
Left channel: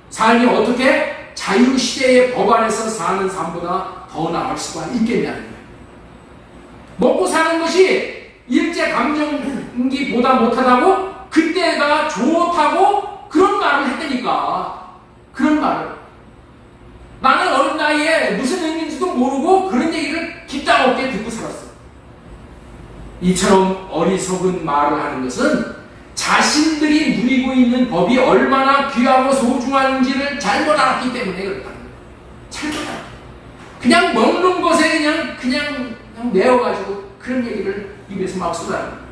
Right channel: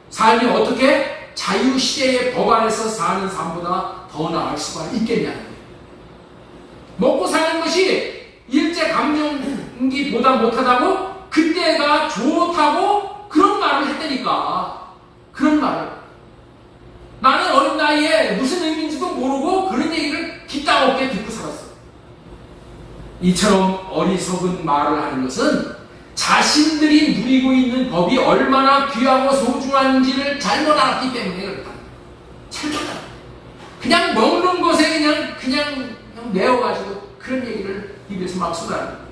삶이 어떻게 자유시대의 법 안에서 사는 삶보다 더 나을 수가 있겠냐는 거예요. 먹고 사는 것이 일제 강점기보다 못하다고 그때가 좋다고 그런 말을 했다니까. 그런 말을. 나는 어린 나이에 무슨 의미인지도 모르고 그런 얘기를 깊다 없게 듣고 살았어. 이처럼 어리석은 말을 하는 것은 자신들이 누리고 있는 법이 얼마나 귀하고 소중한지를 잘못 알았기 때문에 그렇다는 거예요. 잘못 알아. 그냥 먹는 것에 그냥 내어가지고 그런 얘기를 입에서 막 쏟아내는 거예요.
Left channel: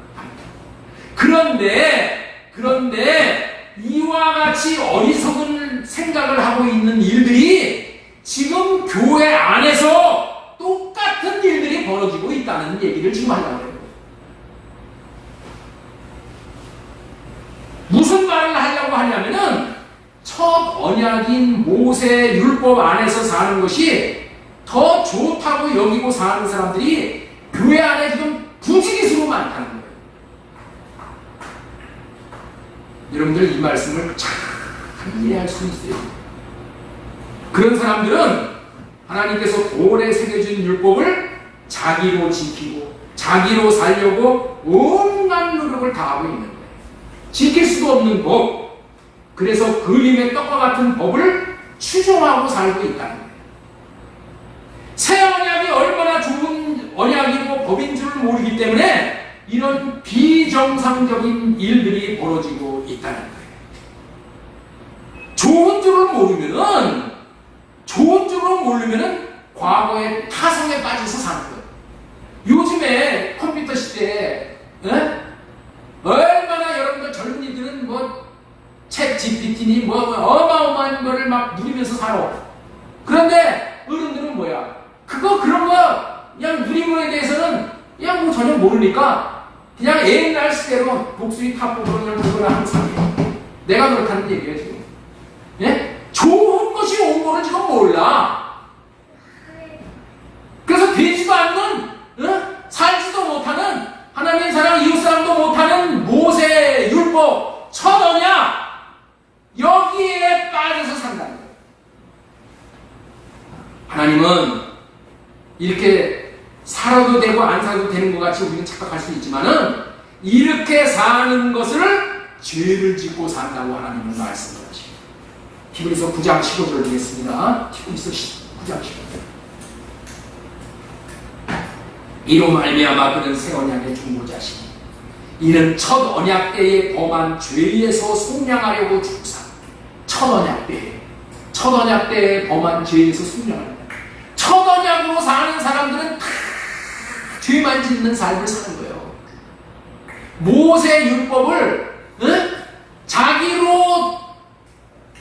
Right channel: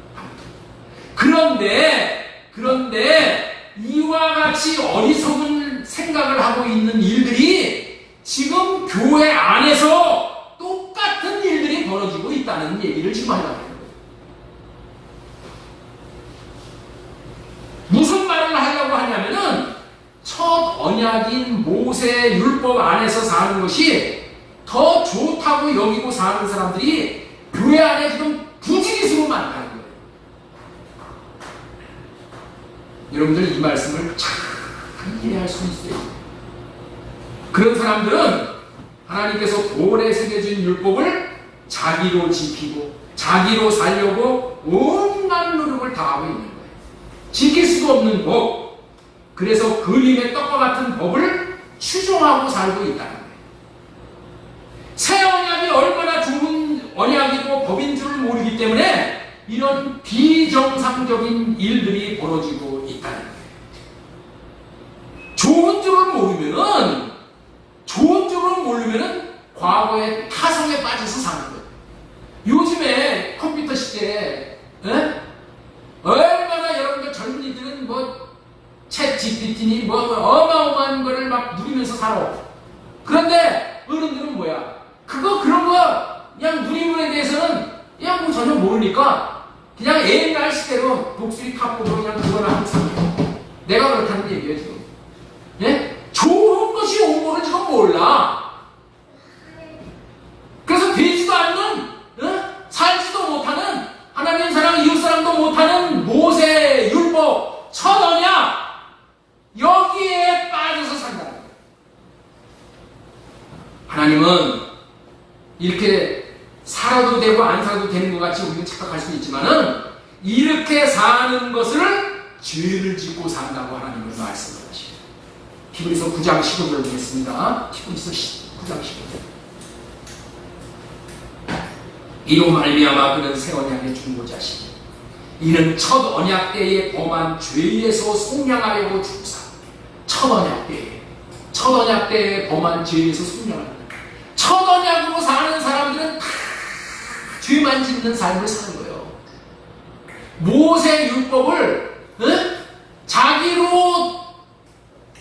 그런데 이와 같이 어리석은 생각을 하고 있는 일들이 지금 교회 안에서 똑같은 일들이 벌어지고 있다는 얘기를 지금 하려고 해요. 무슨 말을 하려고 하냐면은 첫 언약인 모세 율법 안에서 사는 것이 더 좋다고 여기고 사는 사람들이 교회 안에 지금 부지기수로 많다는 거예요. 여러분들 이 말씀을 잘 이해할 수 있어요. 그런 사람들은 하나님께서 돌에 새겨준 율법을 자기로 지키고 자기로 살려고 온갖 노력을 다하고 있는 거예요. 지킬 수도 없는 법, 그래서 그림의 떡과 같은 법을 추종하고 살고 있다는 거예요. 새 언약이 얼마나 좋은 언약이고 법인 줄을 모르기 때문에 이런 비정상적인 일들이 벌어지고 있다는 거예요. 좋은 줄을 모르면은 과거의 타성에 빠져서 사는 거예요. 요즘에 컴퓨터 시대에 얼마나 여러분들 젊은이들은 챗 GPT니 어마어마한 거를 막 누리면서 살아. 그런데 어른들은 뭐야? 그런 거 그냥 누리물에 대해서는 그냥 전혀 모르니까 그냥 옛날 시대로 독수리 탑으로 그냥 그거를 항상 해요. 내가 그렇다는 얘기예요 지금. 예? 좋은 것이 온 거를 지금 몰라. 그래서 되지도 않는 살지도 못하는 하나님 사랑 이웃사랑도 못하는 모세 율법 첫 언약 여기에 빠져서 산다는 거예요. 하나님은 이렇게 살아도 되고 안 살아도 되는 것 같이 우리는 착각할 수 있지만은 이렇게 사는 것을 죄를 짓고 산다고 하나님은 말씀하십니다. 히브리서 9장 15절을 보겠습니다. 히브리서 9장 15절. 이로 말미암아 그는 새 언약의 중보자시니 이는 첫 언약 때에 범한 죄에서 속량하려고 죽사 첫 언약 때에 첫 언약 때에 범한 죄에서 속량합니다. 첫 언약으로 사는 사람들은 다 죄만 짓는 삶을 사는 거예요. 모세 율법을 자기로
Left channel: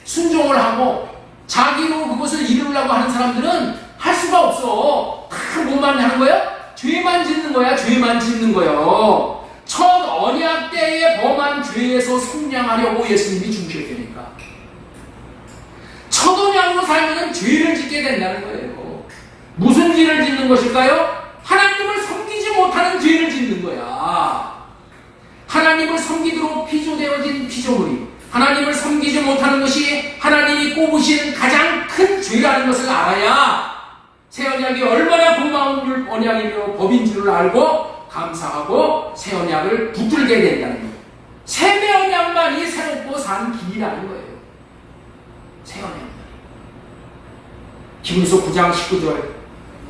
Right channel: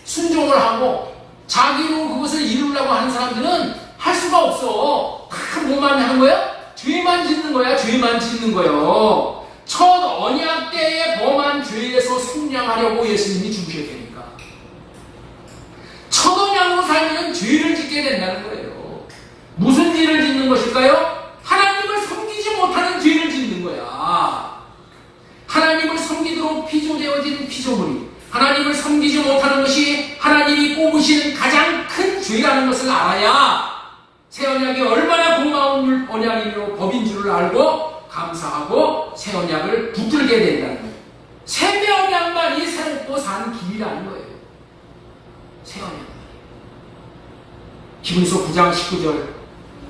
순종을 하고 자기로 그것을 이루려고 하는 사람들은 할 수가 없어. 다 뭐만 하는 거야? 죄만 짓는 거야. 죄만 짓는 거예요. 첫 언약 때에 범한 죄에서 속량하려고 예수님이 중시했으니까. 첫 언약으로 살면 죄를 짓게 된다는 거예요. 무슨 죄를 짓는 것일까요? 하나님을 섬기지 못하는 죄를 짓는 거야. 하나님을 섬기도록 피조되어진 피조물이 하나님을 섬기지 못하는 것이 하나님이 뽑으신 가장 큰 죄라는 것을 알아야 새 언약이 얼마나 고마운 언약이며 법인 줄을 알고 감사하고 새 언약을 붙들게 된다는 거예요. 새 언약만이 새롭고 산 길이라는 거예요. 새 언약만. 히브리서 9장 19절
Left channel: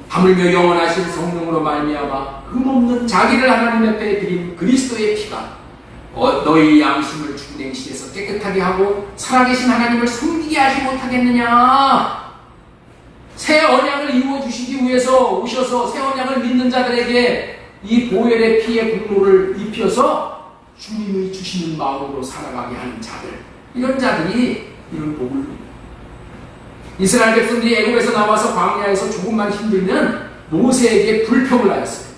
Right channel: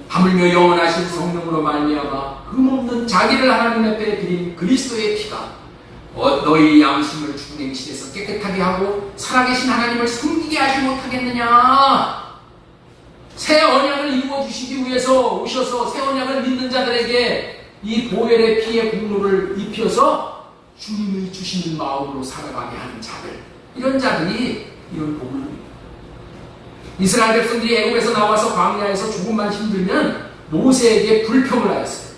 하물며 영원하신 성령으로 말미암아 흠없는 자기를 하나님 앞에 드린 그리스도의 피가 너희 양심을 죽은 행실에서 깨끗하게 하고 살아계신 하나님을 섬기게 하지 못하겠느냐. 새 언약을 이루어주시기 위해서 오셔서 새 언약을 믿는 자들에게 이 보혈의 피의 공로를 입혀서 주님이 주시는 마음으로 살아가게 하는 자들, 이런 자들이 이런 복을 누립니다. 이스라엘 백성들이 애굽에서 나와서 광야에서 조금만 힘들면 모세에게 불평을 하였어요.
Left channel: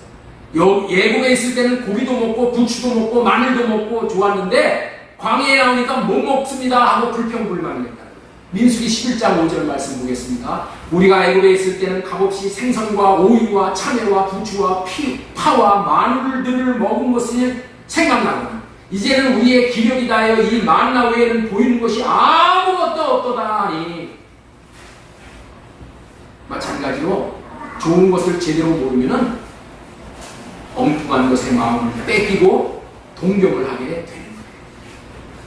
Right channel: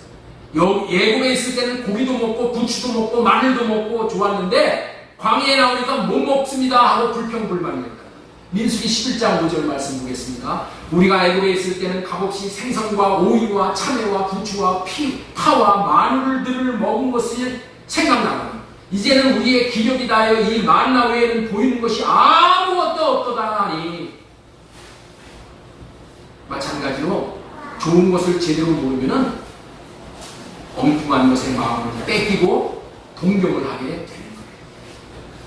애굽에 있을 때는 고기도 먹고 부추도 먹고 마늘도 먹고 좋았는데 광야에 나오니까 못 먹습니다 하고 불평불만했다. 민수기 11장 5절 말씀 보겠습니다. 우리가 애굽에 있을 때는 값없이 생선과 오이와 참외와 부추와 파와 마늘들을 먹은 것이 생각나고 이제는 우리의 기력이 다하여 이 만나 외에는 보이는 것이 아무것도 없도다 하니. 마찬가지로 좋은 것을 제대로 모르면은 엉뚱한 것에 마음을 뺏기고 동경을 하게 되는 거예요.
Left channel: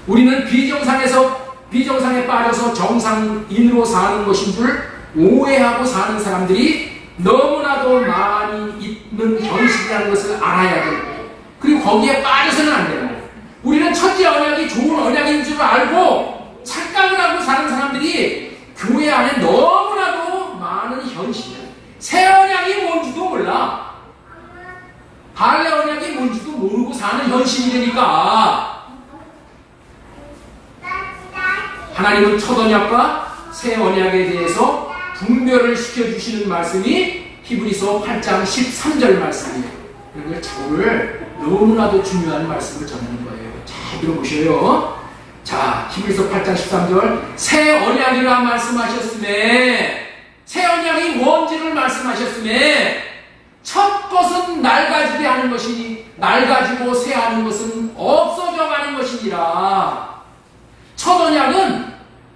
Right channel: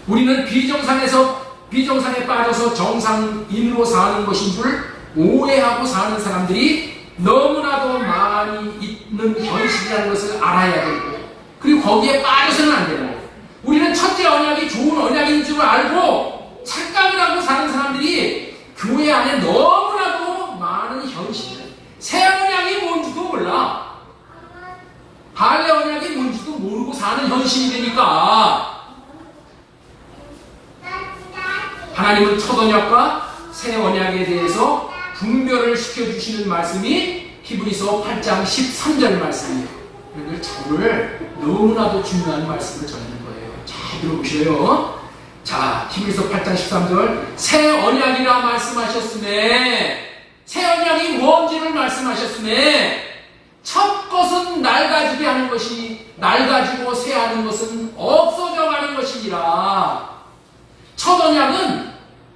우리는 비정상에 빠져서 정상인으로 사는 것인 줄 오해하고 사는 사람들이 너무나도 많이 있는 현실이라는 것을 알아야 되고, 그리고 거기에 빠져서는 안 되는 거예요. 우리는 첫째 언약이 좋은 언약인 줄 알고 착각을 하고 사는 사람들이 교회 안에 너무나도 많은 현실이에요. 새 언약이 뭔지도 몰라. 할례 언약이 뭔지도 모르고 사는 현실이 되니까 하나님은 첫 언약과 새 언약에 대해서 분별을 시켜주시는 말씀이 히브리서 8장 13절 말씀이에요. 그런데 저를 너무나도 중요한 말씀을 전하는 거예요. 잘 들어보셔요. 자, 히브리서 8장 13절 새 언약이라 말씀하셨으며, 새 언약이 뭔지를 말씀하셨으며, 첫 것은 낡아지게 하는 것이 낡아지고 새하는 것은 없어져 가는 것이니라. 첫 언약은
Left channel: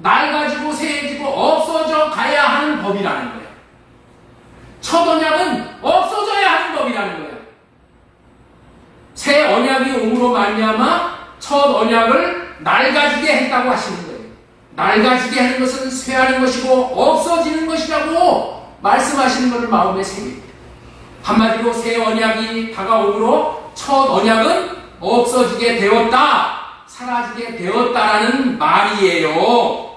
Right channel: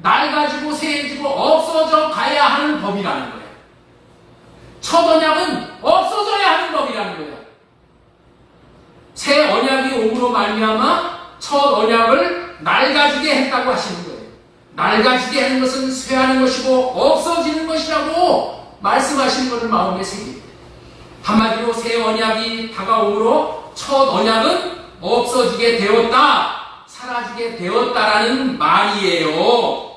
낡아지고 새해지고 없어져 가야 하는 법이라는 거예요. 첫 언약은 없어져야 하는 법이라는 거예요. 새 언약이 옴으로 말미암아 첫 언약을 낡아지게 했다고 하시는 거예요. 낡아지게 하는 것은 쇠하는 것이고 없어지는 것이라고 말씀하시는 것을 마음에 새깁니다. 한마디로 새 언약이 다가오므로 첫 언약은 없어지게 되었다, 사라지게 되었다라는 말이에요.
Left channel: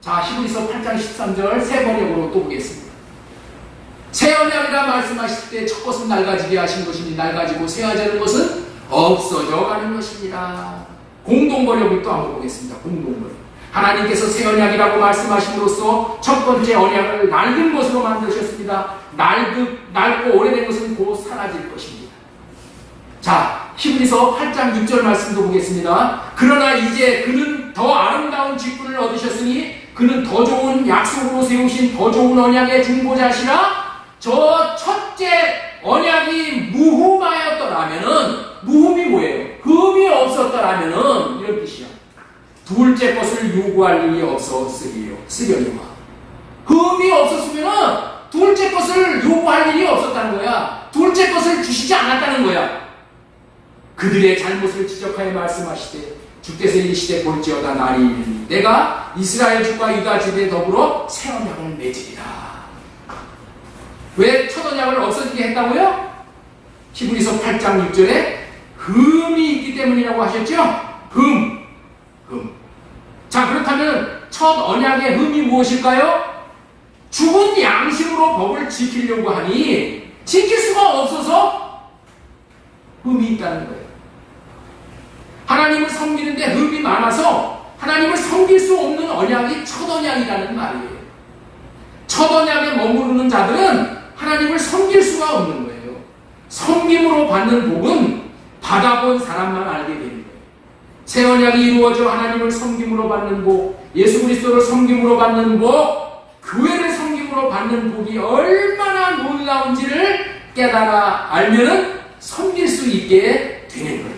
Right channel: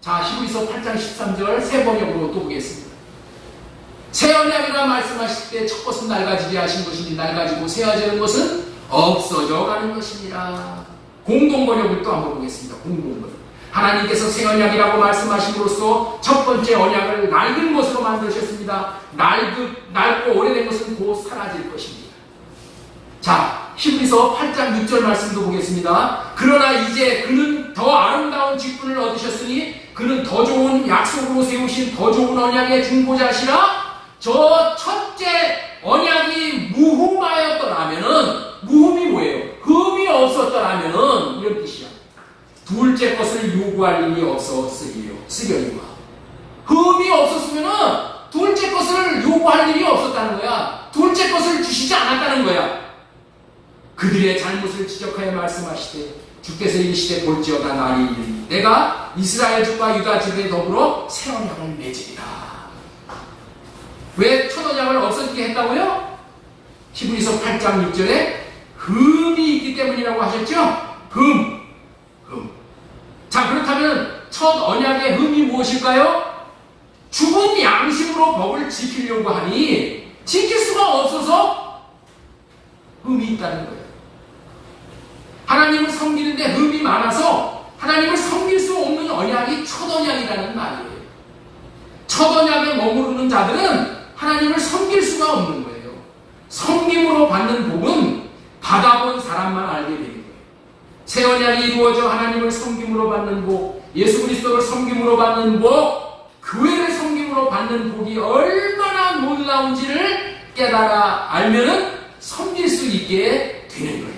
자, 히브리서 8장 13절 새 번역으로 또 보겠습니다. 새 언약이라 말씀하실 때 첫 것은 낡아지게 하신 것이니 낡아지고 새하지는 것은 없어져 가는 것이니라. 공동 번역을 또 한번 보겠습니다. 공동 번역. 하나님께서 새 언약이라고 말씀하심으로써 첫 번째 언약을 낡은 것으로 만드셨습니다. 낡고 오래된 것은 곧 사라질 것입니다. 자, 히브리서 8장 6절 말씀도 보겠습니다. 그러나 이제 그는 더 아름다운 직분을 얻으셨으니 그는 더 좋은 약속으로 세우신 더 좋은 언약의 중보자시라. 저 첫째 언약이 무흠하였더라면은, 무흠이 뭐예요? 흠이 없었더라면은 이런 뜻이야. 둘째 것을 요구할 일이 없었으리요. 흠이 없었으면은 둘째 것을 요구할 일이 없었다는 거야. 둘째 것을 주시지 않았다는 거야. 그들의 잘못을 지적하여 말씀하시되 주께서 이르시되 볼지어다 날이 이르니 내가 이스라엘 집과 유다 집에 더불어 새 언약을 맺으리라. 왜 첫 언약을 없어지게 했다고요? 히브리서 8장 6절에 흠이 있기 때문이라고 하셨죠? 흠. 자, 그렇다면 첫 첫 언약의 의미 무엇일까요? 죽은 양심으로 법을 지키려고 하니 지킬 수가 없어서 흠이 있다는 거예요. 하나님을 섬기는데 흠이 많아서 하나님을 섬길 수 없는 언약이 첫 언약이라는 말이에요. 첫 언약에 머무르는 자들은 하나님을 섬길 수가 없는 거예요. 섬김으로 받는 복은 받아본 사람만 알게 되는 거예요. 새 언약이 이루어져 하나님을 섬김으로 받는 복, 예수 그리스도를 섬김으로 받는 복, 교회를 섬김으로 받는 복이 얼마나 놀라운지를 깨달아 알면은 섬길 수 있게 되는 거예요.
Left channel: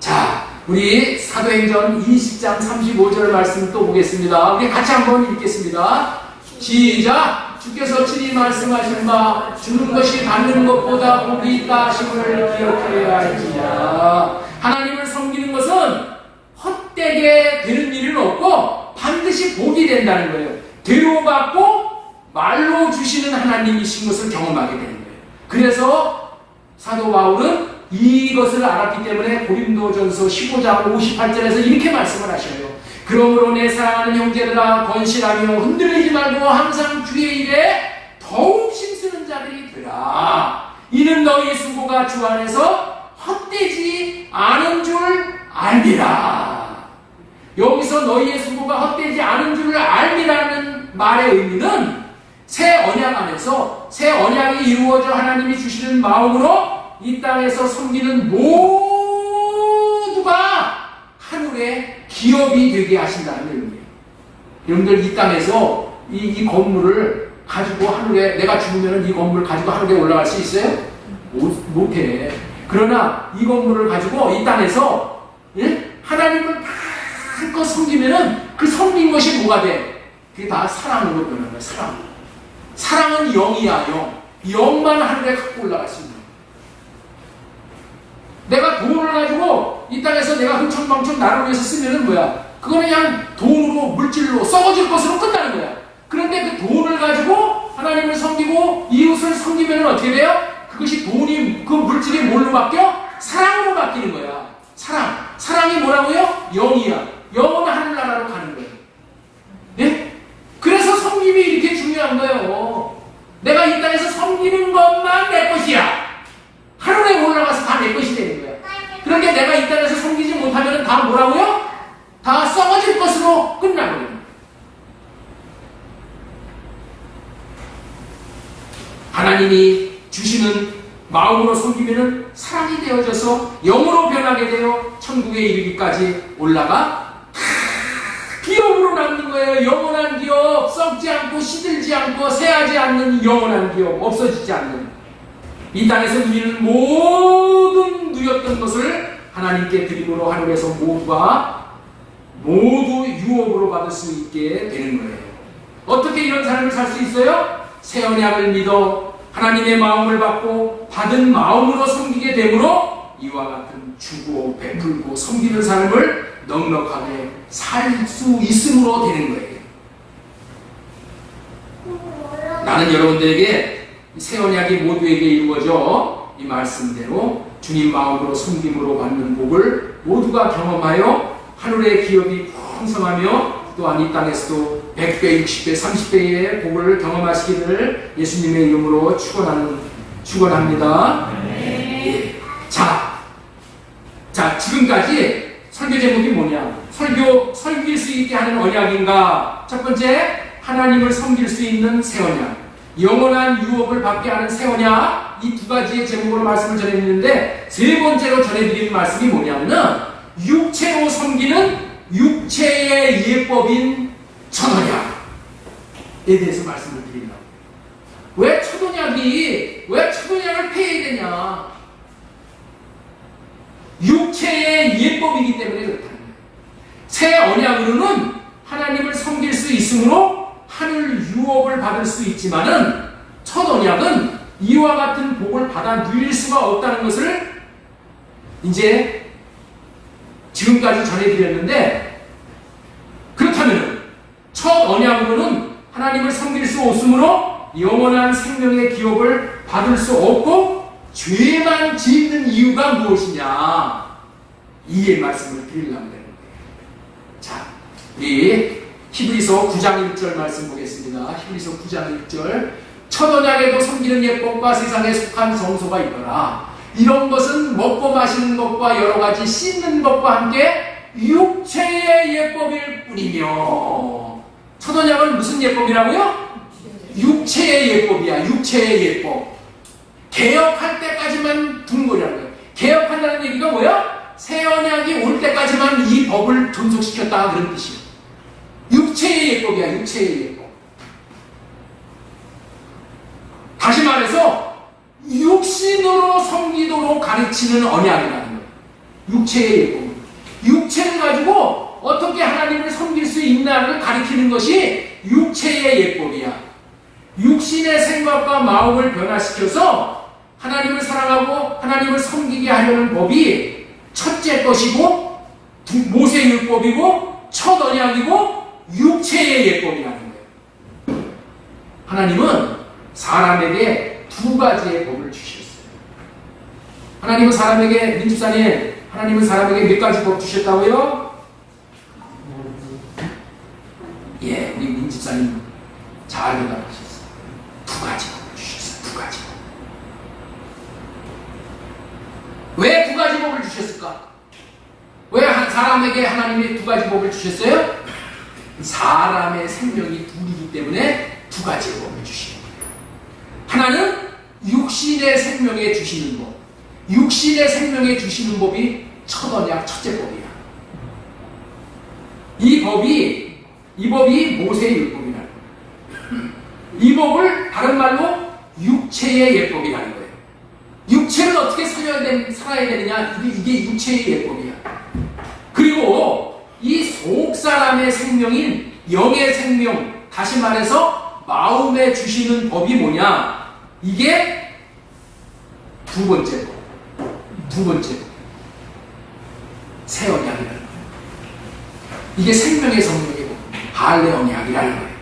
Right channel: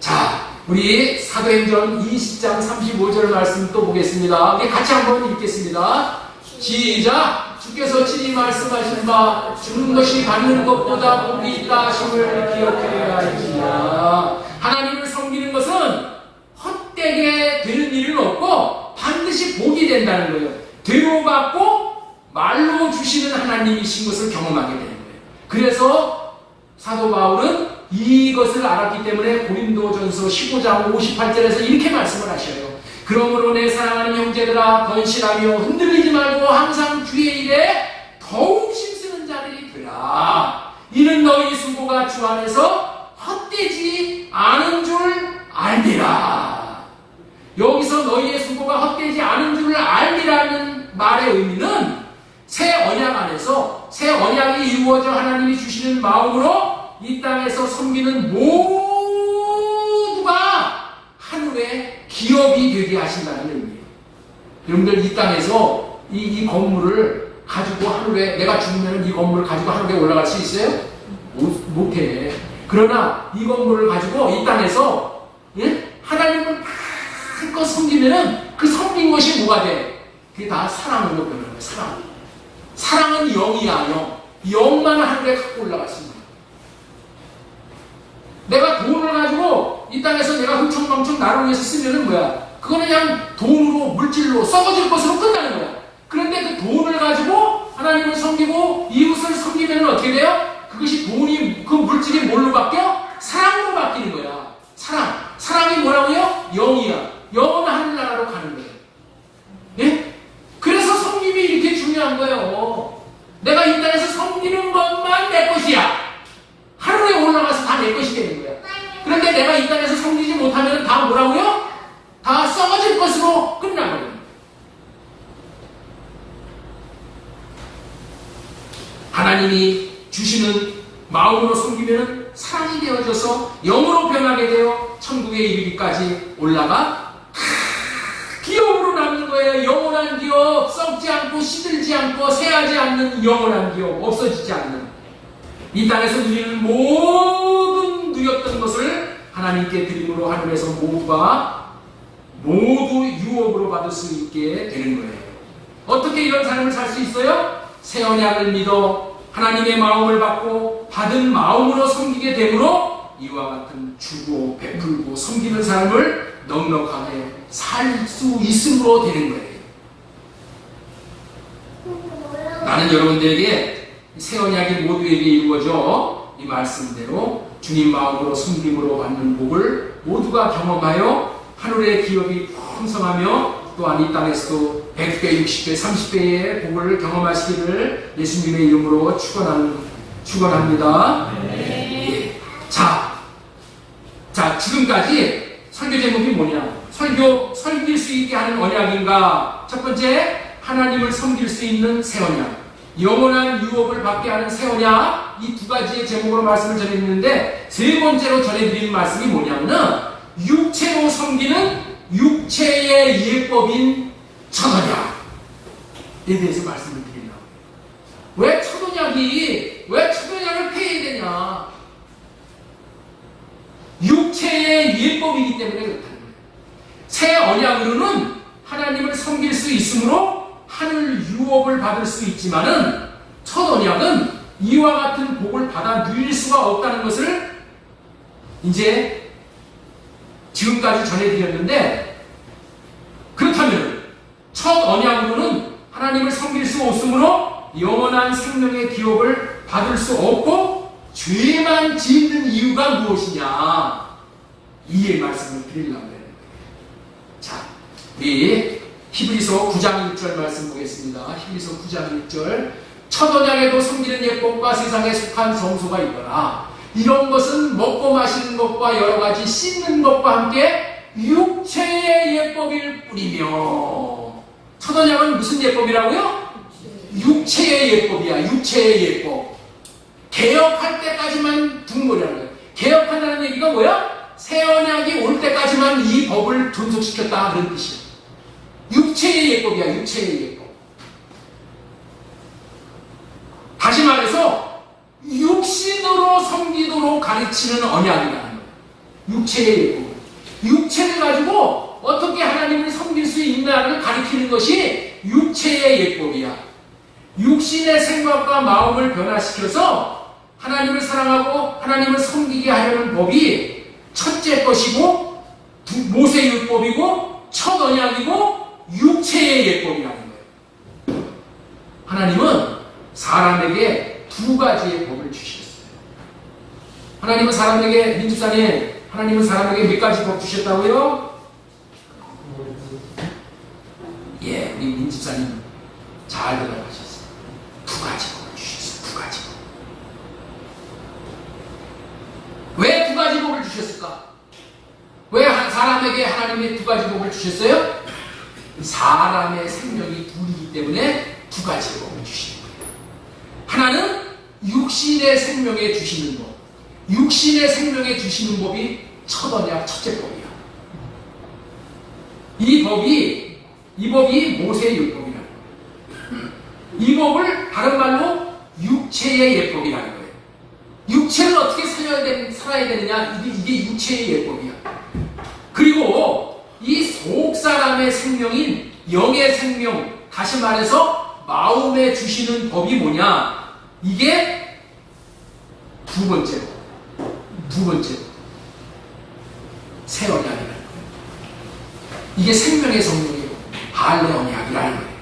자, 우리 사도행전 20장 35절 말씀 또 보겠습니다. 우리 같이 한번 읽겠습니다. 시작! 주께서 친히 말씀하신 바 주는 것이 받는 것보다 복이 있다 하심을 기억하여야 할지니라. 하나님을 섬기는 것은 헛되게 되는 일은 없고 반드시 복이 된다는 거예요. 대우받고 말로 주시는 하나님이신 것을 경험하게 되는 거예요. 그래서 사도 바울은 이것을 알았기 때문에 고린도전서 15장 58절에서 이렇게 말씀을 하셔요. 그러므로 내 사랑하는 형제들아 건실하며 흔들리지 말고 항상 주의 일에 더욱 힘쓰는 자들이 되라. 이는 너희 수고가 주 안에서 헛되지 않은 줄 알리라. 여기서 너희의 수고가 헛되지 않은 줄 알리라는 말의 의미는 새 언약 안에서 새 언약이 이루어져 하나님이 주시는 마음으로 이 땅에서 섬기는 모두가 하늘의 기업이 되게 하신다는 의미예요. 여러분들 이 땅에서 이 건물을 가지고 하늘에, 내가 죽으면 이 건물을 가지고 하늘에 올라갈 수 있어요? 못해. 그러나 이 건물을 가지고 이 땅에서 하나님을 마음껏 섬기면은 그 섬긴 것이 뭐가 돼? 그게 다 사랑으로 변하는 거야. 사랑은 영이야. 영만 하늘에 갖고 올라갈 수 있는 거야. 내가 돈을 가지고 이 땅에서 내가 흥청망청 나를 위해서 쓰면은 뭐야? 그거는 그냥 돈으로, 물질로, 썩어질 것으로 끝나는 거야. 그런데 그 돈을 가지고 하나님을 섬기고 이웃을 섬기면 어떻게 돼요? 그것이 돈이, 그 물질이 뭘로 바뀌어? 사랑으로 바뀌는 거야. 사랑이 뭐라고요? 영이야. 영은 하늘나라로 가는 거예요. 네? 그래서 섬김이 이렇게 중요한 거예요. 내가 이 땅에서 섬기는 것만 내 것이야. 하늘에 올라가서 다 내 것이 되는 거야. 그런데 내가 이 땅에서 섬기지 못하면 다 뭐라고요? 다 썩어질 것으로 끝나거든요. 하나님이 주시는 마음으로 섬기면 사랑이 되어져서 영으로 변하게 되어 천국에 이르기까지 올라가 기업으로 남는 거예요. 영원한 기업, 썩지 않고 시들지 않고 새하지 않는 영원한 기업, 없어지지 않는. 이 땅에서 누리는 모든 누렸던 것을 하나님께 드림으로 하늘에서 모두 유업으로 받을 수 있게 되는 거예요. 어떻게 이런 삶을 살 수 있어요? 새 언약을 믿어 하나님의 마음을 받고 받은 마음으로 섬기게 되므로 이와 같은 주고 베풀고 섬기는 삶을 넉넉하게 살 수 있음으로 되는 거예요. 나는 여러분들에게 새 언약이 모두에게 이루어져 이 말씀대로 주님 마음으로 섬김으로 받는 복을 모두가 경험하여 하늘의 기업이 풍성하며 또한 이 땅에서도 100배, 60배, 30배의 복을 경험하시기를 예수님의 이름으로 축원합니다. 네. 자, 지금까지 설교 제목이 뭐냐? 섬길 수 있게 하는 언약인가? 첫 번째, 하나님을 섬길 수 있는 새 언약. 영원한 유업을 받게 하는 새 언약. 이 두 가지의 제목으로 말씀을 전해드리는데, 세 번째로 전해드리는 말씀이 뭐냐면, 육체로 섬기는 육체의 예법인 첫 언약에 대해서 말씀을 드립니다. 왜 첫 언약을 폐해야 되냐? 육체의 예법이기 때문에 그렇다는 거예요. 새 언약으로는 하나님을 섬길 수 있으므로 하늘 유업을 받을 수 있지만은 첫 언약은 이와 같은 복을 받아 누릴 수가 없다는 것을 이제 지금까지 전해드렸는데, 그렇다면 첫 언약으로는 하나님을 섬길 수 없으므로 영원한 생명의 기업을 받을 수 없고 죄만 짓는 이유가 무엇이냐, 이의 말씀을 드리려고 하는 거예요. 자, 우리 히브리서 9장 1절 말씀 보겠습니다. 히브리서 9장 1절. 첫 언약에도 섬기는 예법과 세상에 속한 성소가 있더라. 이런 것은 먹고 마시는 것과 여러 가지 씻는 것과 함께 육체의 예법일 뿐이며. 첫 언약은 무슨 예법이라고요? 육체의 예법이야. 육체의 예법. 개혁할 때까지만 둔 거라는 거예요. 개혁한다는 얘기가 뭐야? 새 언약이 올 때까지만 이 법을 존속시켰다 그런 뜻이에요. 육체의 예법이야. 육체의 예법. 다시 말해서 육신으로 섬기도록 가르치는 언약이라는 거예요. 육체의 예법. 육체를 가지고 어떻게 하나님을 섬길 수 있나를 가리키는 것이 육체의 예법이야. 육신의 생각과 마음을 변화시켜서 하나님을 사랑하고 하나님을 섬기게 하려는 법이 첫째 것이고 모세율법이고 첫 언약이고 육체의 예법이라는 거예요. 하나님은 사람에게 두 가지의 법을 주셨어요. 하나님은 사람에게, 민집사님, 하나님은 사람에게 몇 가지 법 주셨다고요? 예, 우리 민집사님 잘 대답하셨어요. 두 가지 법을 주셨어요. 두 가지 법. 왜 두 가지 법을 주셨을까? 왜 사람에게 하나님이 두 가지 법을 주셨어요? 사람의 생명이 둘이기 때문에 두 가지 법을 주시는 거예요. 하나는 육신의 생명에 주시는 법. 육신의 생명에 주시는 법이 첫 언약 첫째 법이야. 이 법이 모세의 율법이라는 거예요. 이 법을 다른 말로 육체의 예법이라는 거예요. 육체를 어떻게 살아야 되느냐? 이게 육체의 예법이야. 그리고 이 속사람의 생명인 영의 생명, 다시 말해서 마음에 주시는 법이 뭐냐? 이게 두 번째 법. 두 번째 법. 새 언약이라는 거예요. 이게 생명의 성령이고 할례 언약이라는 거예요.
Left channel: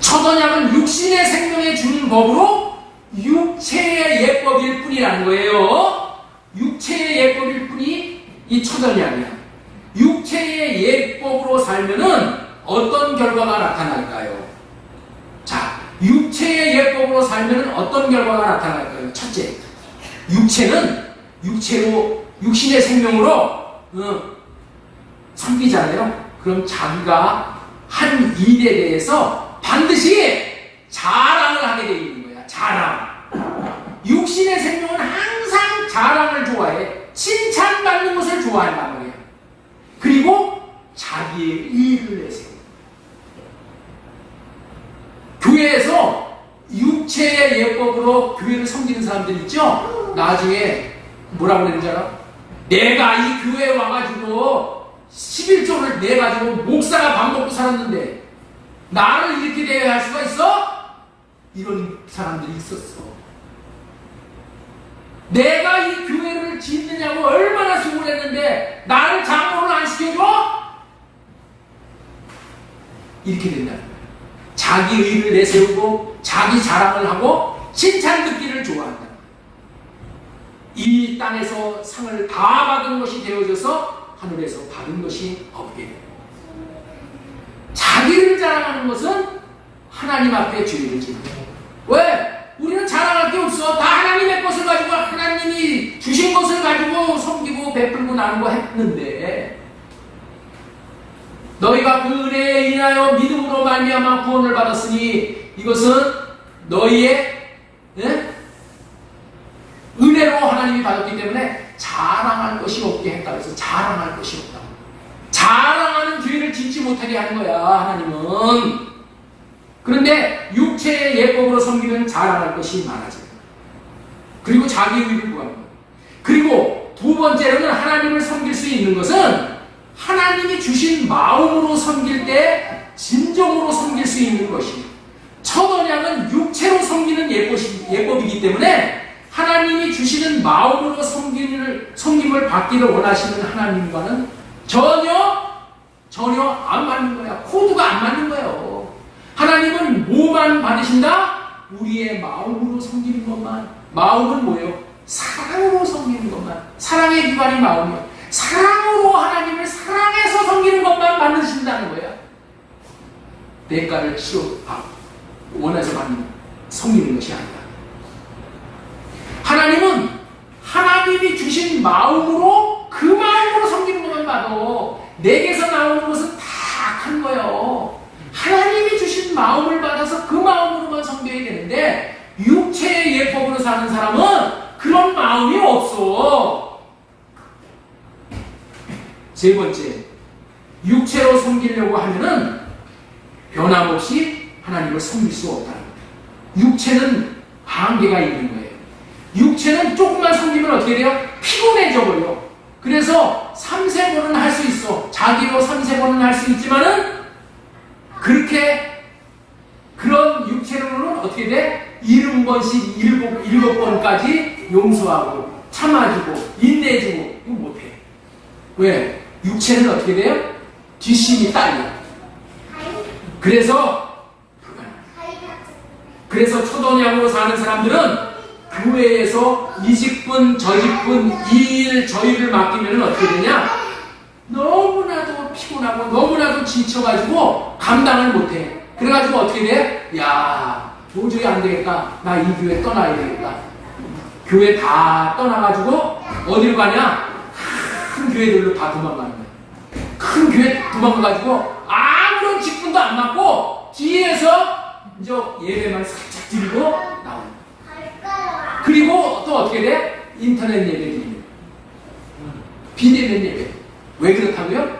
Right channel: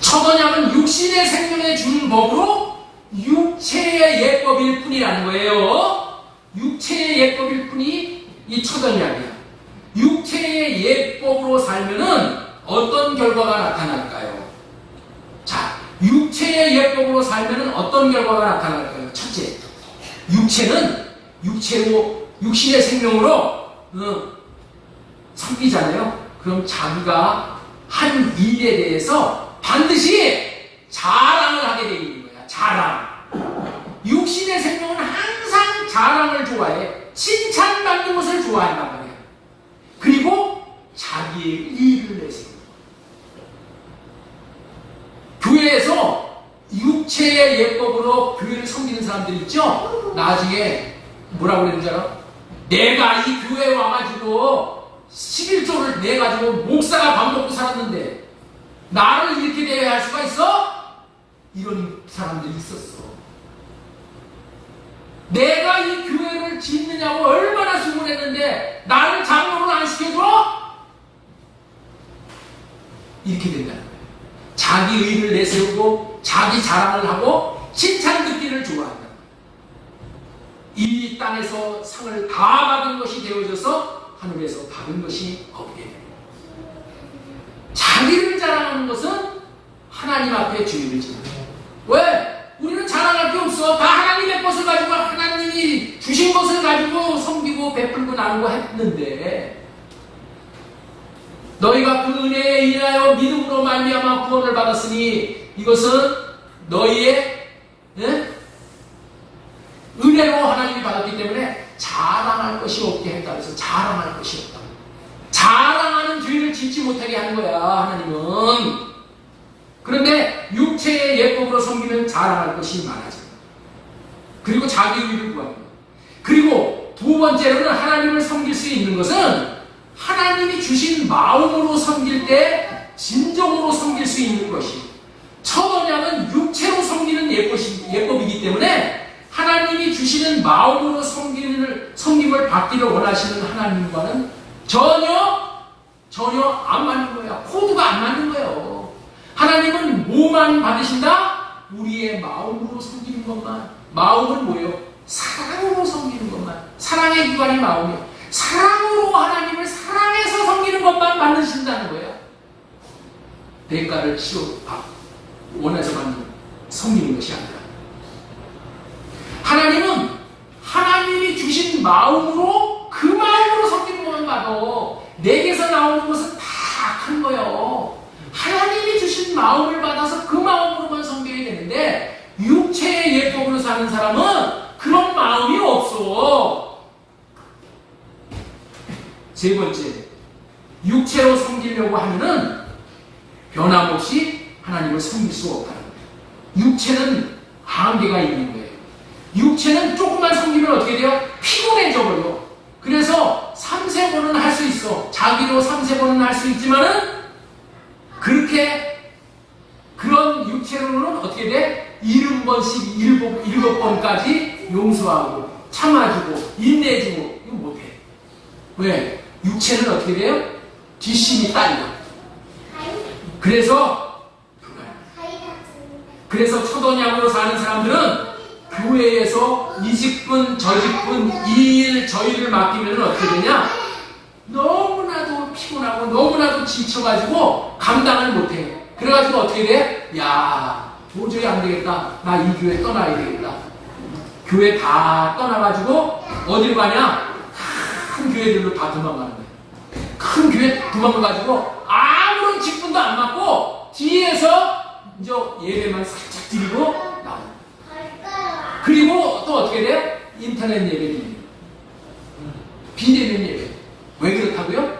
첫 언약은 육신의 생명에 주는 법으로 육체의 예법일 뿐이라는 거예요. 육체의 예법일 뿐이 이 첫 언약이야. 육체의 예법으로 살면은 어떤 결과가 나타날까요? 자, 육체의 예법으로 살면은 어떤 결과가 나타날까요? 첫째, 육신의 생명으로 섬기잖아요. 그럼 자기가 한 일에 대해서 반드시 자랑을 하게 되어 있는 거야. 자랑. 육신의 생명은 항상 자랑을 좋아해. 칭찬받는 것을 좋아한단 말이야. 그리고 자기의 의를 내세워. 교회에서 육체의 예법으로 교회를 섬기는 사람들 있죠? 나중에 뭐라고 그러는지 알아? 내가 이 교회에 와가지고 11조를 내가지고 목사가 밥 먹고 살았는데 나를 이렇게 대해할 수가 있어? 이런 사람들이 있었어. 내가 이 교회를 짓느냐고 얼마나 수고했는데 나를 장로를 안 시켜줘? 이렇게 된다는 거야. 자기 의를 내세우고 자기 자랑을 하고 칭찬 듣기를 좋아한다. 이 땅에서 상을 다 받은 것이 되어져서 하늘에서 받은 것이 없게 됩니다. 자기를 자랑하는 것은 하나님 앞에 죄를 짓는 거예요. 왜? 우리는 자랑할 게 없어. 다 하나님의 것을 가지고 하나님이 주신 것을 가지고 섬기고 베풀고 나누고 했는데 너희가 그 은혜에 인하여 믿음으로 말미암아 구원을 받았으니 이것은 너희의 은혜로 하나님이 받았기 때문에 자랑할 것이 없게 했다. 그래서 자랑할 것이 없다. 자랑하는 죄를 짓지 못하게 하는 거야, 하나님은. 그런데 육체의 예법으로 섬기면 자랑할 것이 많아져요. 그리고 자기 의를 구하는 거예요. 그리고 두 번째로는 하나님을 섬길 수 있는 것은 하나님이 주신 마음으로 섬길 때 진정으로 섬길 수 있는 것이. 첫 언약은 육체로 섬기는 예법이기 때문에 하나님이 주시는 마음으로 섬김을 받기를 원하시는 하나님과는 전혀 안 맞는 거야. 코드가 안 맞는 거예요. 하나님은 뭐만 받으신다? 우리의 마음으로 섬기는 것만. 마음은 뭐예요? 사랑으로 섬기는 것만. 사랑의 기관이 마음이에요. 사랑으로 하나님을 사랑해서 섬기는 것만 하는 거야? 대가를 원하지 않는 섬기는 것이 아니다. 하나님은 하나님이 주신 마음으로 그 마음으로 섬기는 것만 봐도 내게서 나오는 것은 다 악한 거예요. 하나님이 주신 마음을 받아서 그 마음으로만 섬겨야 되는데 육체의 예법으로 사는 사람은 그런 마음이 없어. 세 번째, 육체로 섬기려고 하면은 변함없이 하나님을 섬길 수 없다는 거예요. 육체는 한계가 있는 거예요. 육체는 조금만 섬기면 어떻게 돼요? 피곤해져 버려. 그래서 3세번은 할 수 있어. 자기로 3세번은 할 수 있지만은 그런 육체로는 어떻게 돼? 70번씩 7번까지 용서하고 참아주고 인내해주고 이거 못해. 왜? 육체는 어떻게 돼요? 뒷심이 딸려. 그래서 초도약으로 사는 사람들은 교회에서 이 직분 저 직분 이 일 저 일을 맡기면 어떻게 되냐? 너무나도 피곤하고 너무나도 지쳐가지고 감당을 못해. 그래가지고 어떻게 돼? 야, 도저히 안 되겠다. 나 이 교회 떠나야 되겠다. 교회 다 떠나가지고 어디로 가냐? 큰 교회들로 다 도망가는 거야. 큰 교회 도망가가지고 아무런 직분도 안 맡고 뒤에서 이제 예배만 살짝 드리고 나오는 거야. 그리고 또 어떻게 돼? 인터넷 예배 드리는 비대면 예배. 왜 그렇다고요?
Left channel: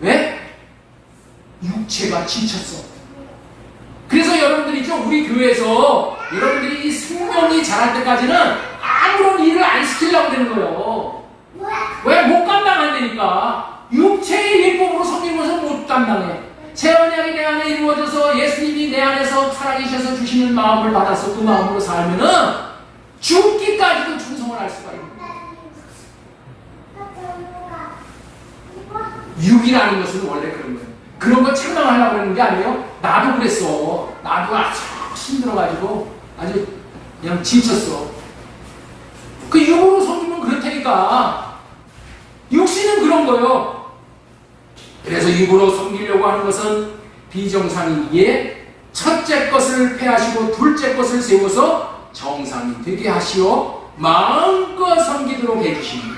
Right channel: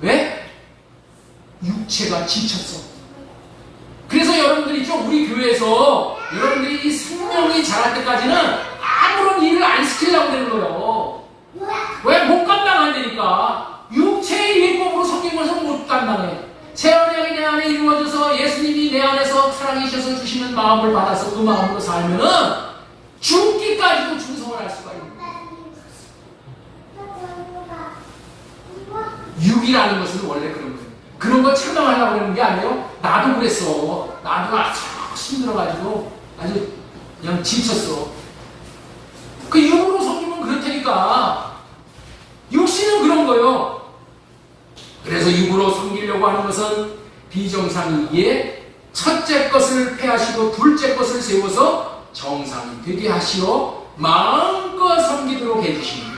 왜? 육체가 지쳤어. 그래서 여러분들이 있죠? 우리 교회에서 여러분들이 이 생명이 자랄 때까지는 아무런 일을 안 시키려고 그러는 거예요. 왜? 못 감당한다니까. 육체의 율법으로 섬긴 것은 못 감당해. 새 언약이 내 안에 이루어져서 예수님이 내 안에서 살아계셔서 주시는 마음을 받아서 그 마음으로 살면은 죽기까지도 충성을 할 수가 있는 거예요. 육이라는 것은 원래 그런 거예요. 그런 거 책망하려고 하는 게 아니에요. 나도 그랬어. 나도 아주 힘들어가지고 아주 그냥 지쳤어. 그 육으로 섬기면 그렇다니까. 육신은 그런 거예요. 그래서 육으로 섬기려고 하는 것은 비정상이기에 첫째 것을 폐하시고 둘째 것을 세워서 정상이 되게 하시어 마음껏 섬기도록 해주십니다.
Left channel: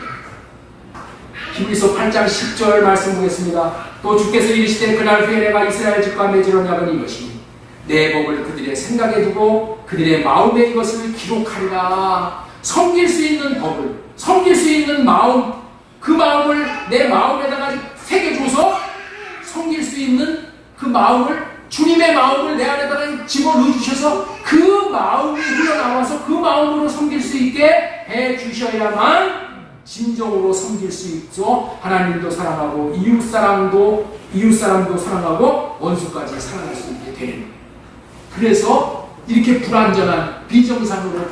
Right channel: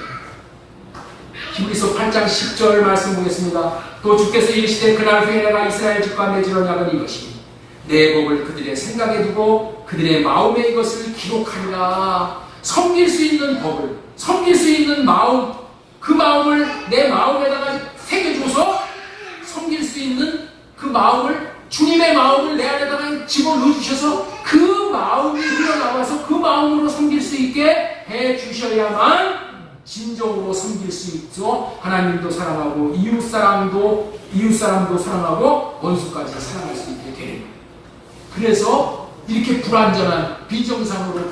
히브리서 8장 10절 말씀 보겠습니다. 또 주께서 이르시되 그날 후에 내가 이스라엘 집과 맺을 언약은 이것이니 내 법을 그들의 생각에 두고 그들의 마음에 이것을 기록하리라. 섬길 수 있는 법을, 섬길 수 있는 마음, 그 마음을 내 마음에다가 새겨줘서 섬길 수 있는 그 마음을, 주님의 마음을 내 안에다가 집어넣어 주셔서 그 마음이 흘러나와서 그 마음으로 섬길 수 있게 해 주셔야만 진정으로 섬길 수 있죠. 하나님도 사랑하고 이웃사람도 사랑하고 원수까지 사랑할 수 있게 되는 거예요. 그래서 이렇게 불완전한 비정상으로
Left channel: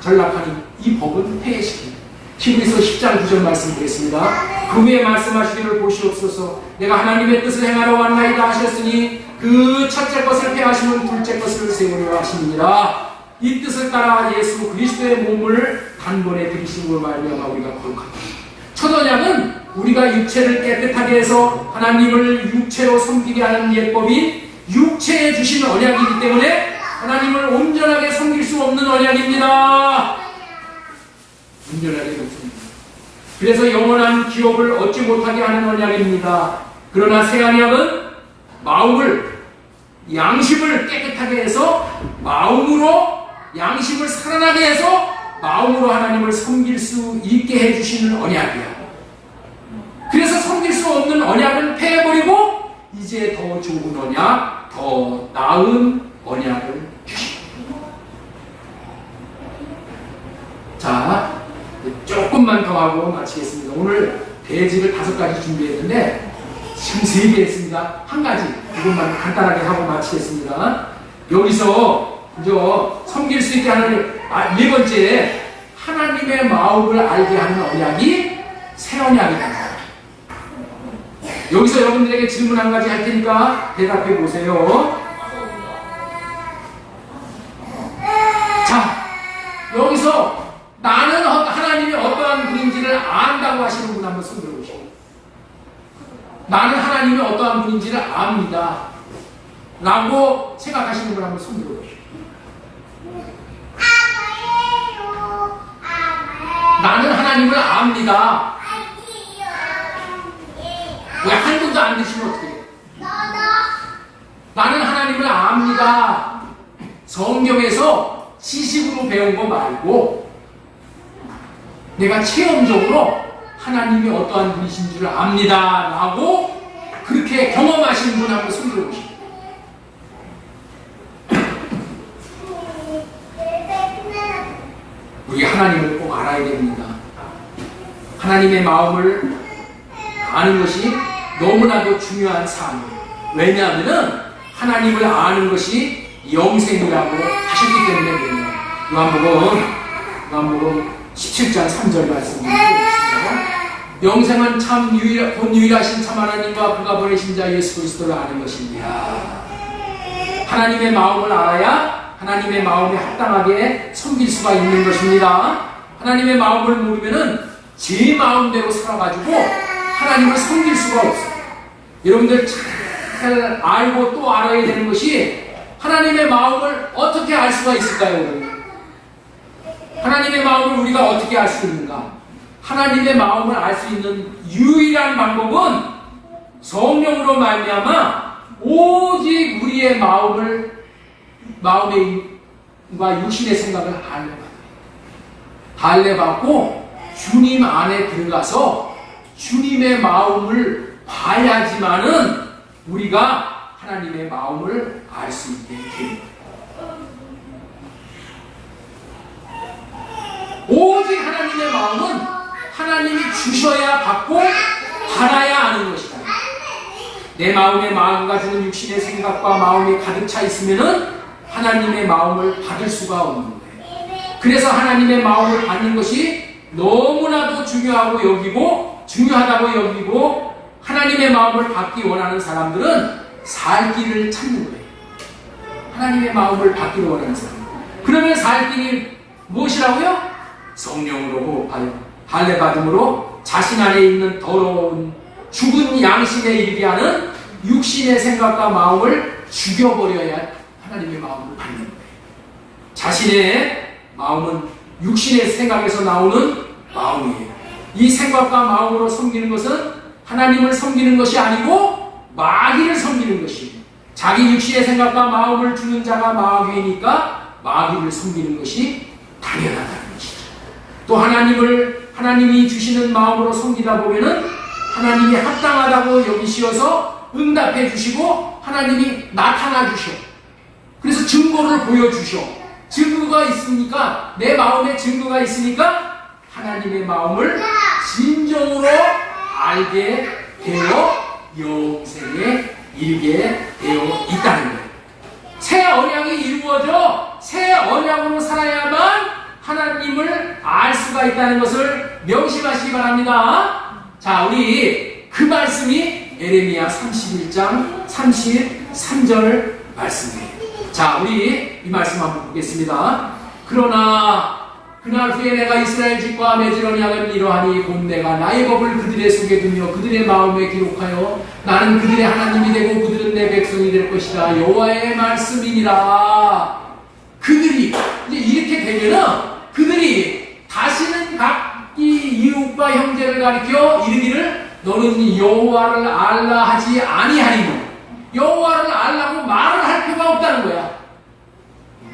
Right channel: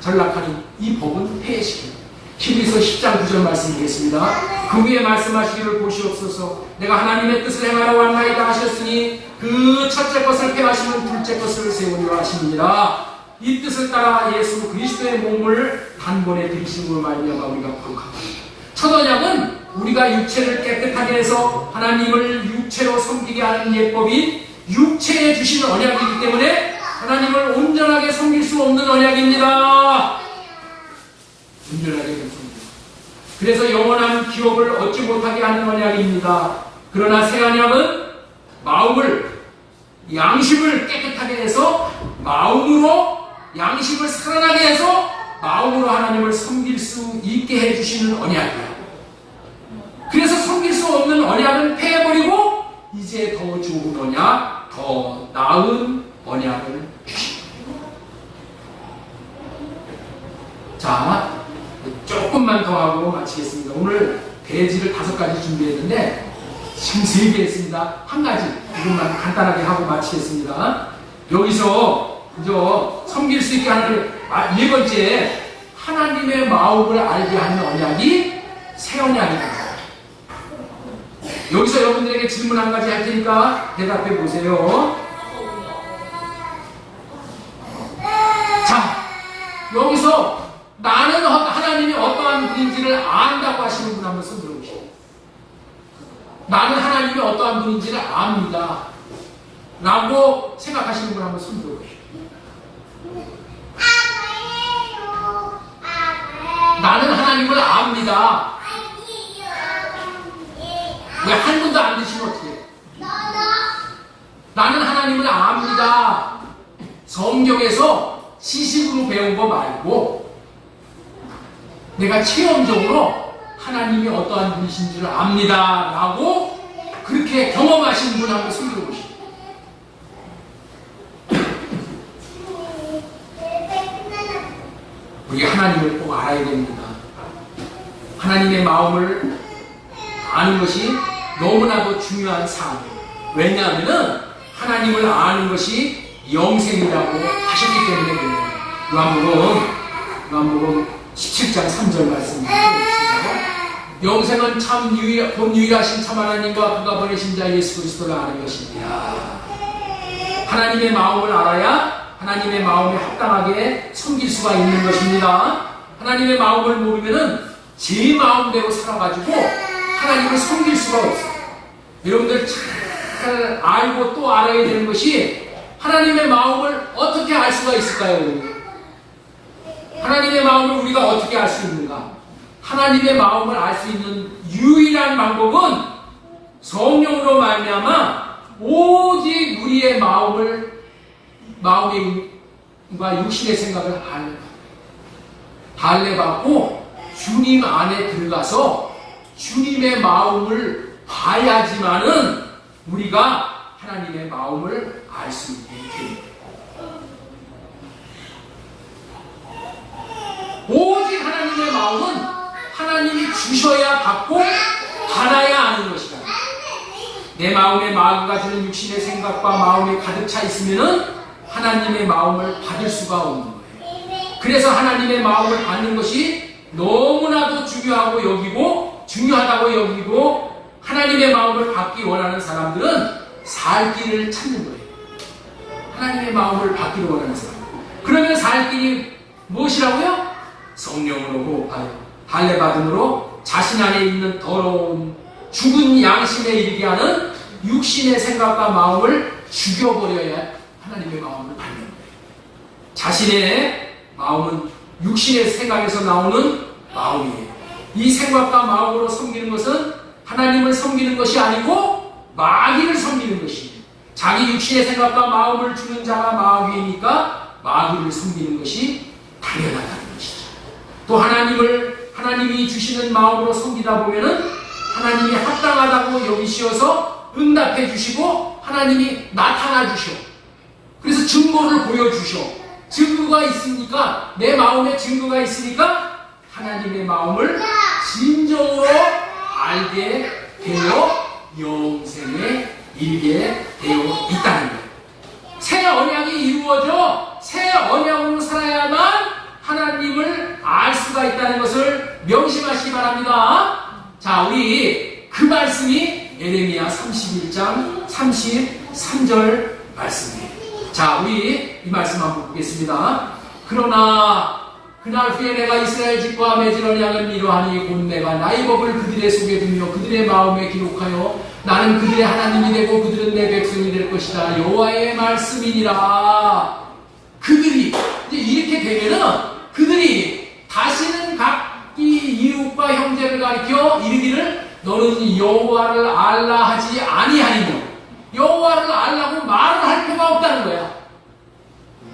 전락하는 이 법은 폐해시킵니다. 히브리서 10장 9절 말씀 보겠습니다. 그 후에 말씀하시기를 보시옵소서. 내가 하나님의 뜻을 행하러 왔나이다 하셨으니 그 첫째 것을 폐하시는 둘째 것을 세우려 하시니라. 이 뜻을 따라 예수 그리스도의 몸을 단번에 들이심으로 말미암아 우리가 거룩하다. 첫 언약은 우리가 육체를 깨끗하게 해서 하나님을 육체로 섬기게 하는 예법이 육체에 주신 언약이기 때문에 하나님을 온전하게 섬길 수 없는 언약입니다. 온전하게 못습니다. 그래서 영원한 기업을 얻지 못하게 하는 언약입니다. 그러나 새 언약은 마음을, 양심을 깨끗하게 해서 마음으로 양심을 살아나게 해서 마음으로 하나님을 섬길 수 있게 해주시는 언약이에요. 그래서 섬길 수 없는 언약은 폐해버리고 이제 더 좋은 언약, 더 나은 언약을 주십니다. 자, 조금만 더 하고 마치겠습니다. 오늘 대지를 5가지 준비했는데 지금 3개 했습니다. 한 가지 이것만 간단하게 하고 마치겠습니다. 여기서 이제 섬길 수 있게 하는 4번째, 하나님의 마음을 알게 하는 언약이 새 언약입니다. 여기서 여러분들에게 질문 한 가지 할 테니까 대답해 보세요. 자, 여기서 나는 하나님이 어떠한 분인지를 안다고 하시는 분 한번 손 들어보시고. 나는 하나님 하나님이 어떠한 분인지를 압니다. 라고 생각하시는 분 한번 손 들어보십시오. 나는 하나님을 압니다. 왜 한 분도 안 드시면 어떻게 해요? 나는 하나님을 압니다. 성경에서 지식으로 배운 거 말고 내가 체험적으로 하나님이 어떠한 분이신 줄 압니다. 라고 그렇게 경험하신 분 한번 손 들어보십시오. 우리 하나님을 꼭 알아야 됩니다. 하나님의 마음을 아는 것이 너무나도 중요한 삶이에요. 왜냐하면 하나님을 아는 것이 영생이라고 하셨기 때문에 그래요. 요한복음 17장 3절 말씀입니다. 영생은 참 본 유일하신 참 하나님과 그가 보내신 자 예수 그리스도를 아는 것입니다. 하나님의 마음을 알아야 하나님의 마음에 합당하게 섬길 수가 있는 것입니다. 하나님의 마음을 모르면은 제 마음대로 살아가지고 하나님을 섬길 수가 없어요. 여러분들 잘 알고 또 알아야 되는 것이 하나님의 마음을 어떻게 알 수가 있을까요? 여러분? 하나님의 마음을 우리가 어떻게 알 수 있는가? 하나님의 마음을 알 수 있는 유일한 방법은 성령으로 말미암아 오직 우리의 마음과 육신의 생각을 할례받고 주님 안에 들어가서 주님의 마음을 봐야지만은 우리가 하나님의 마음을 알 수 있게 됩니다. 오직 하나님의 마음은 하나님이 주셔야 받고 받아야 아는 것이다. 내 마음에 마귀가 주는 육신의 생각과 마음이 가득 차 있으면은 하나님의 마음을 받을 수가 없는 거예요. 그래서 하나님의 마음을 받는 것이 너무나도 중요하다고 여기고 하나님의 마음을 받기 원하는 사람들은 살 길을 찾는 거예요. 하나님의 마음을 받기를 원하는 사람. 그러면 살 길이 무엇이라고요? 성령으로 호흡하여 할례받음으로 자신 안에 있는 더러운 죽은 양심에 이르게 하는 육신의 생각과 마음을 죽여버려야 하나님의 마음을 받는 거예요. 자신의 마음은 육신의 생각에서 나오는 마음이에요. 이 생각과 마음으로 섬기는 것은 하나님을 섬기는 것이 아니고 마귀를 섬기는 것이에요. 자기 육신의 생각과 마음을 주는 자가 마귀니까 마귀를 섬기는 것이 당연하다는 것이죠. 또 하나님이 주시는 마음으로 섬기다 보면은 하나님이 합당하다고 여기시어서 응답해 주시고 하나님이 나타나 주셔. 그래서 증거를 보여주셔. 증거가 있으니까 내 마음에 증거가 있으니까 하나님의 마음을 진정으로 알게 되어 영생에 이르게 되어 있다는 거예요. 새 언약이 이루어져 새 언약으로 살아야만 하나님을 알 수가 있다는 것을 명심하시기 바랍니다. 자, 우리 그 말씀이 예레미야 31장 33절 말씀이에요. 자, 우리 이 말씀 한번 보겠습니다. 그러나 그날 후에 내가 이스라엘 집과 맺을 언약은 이러하니 곧 내가 나의 법을 그들의 속에 두며 그들의 마음에 기록하여 나는 그들의 하나님이 되고 그들은 내 백성이 될 것이다. 여호와의 말씀이니라. 그들이 이제 이렇게 되면은 그들이 다시는 각기 이웃과 형제를 가리켜 이르기를 너는 여호와를 알라 하지 아니하니며 여호와를 알라고 말을 할 필요가 없다는 거야.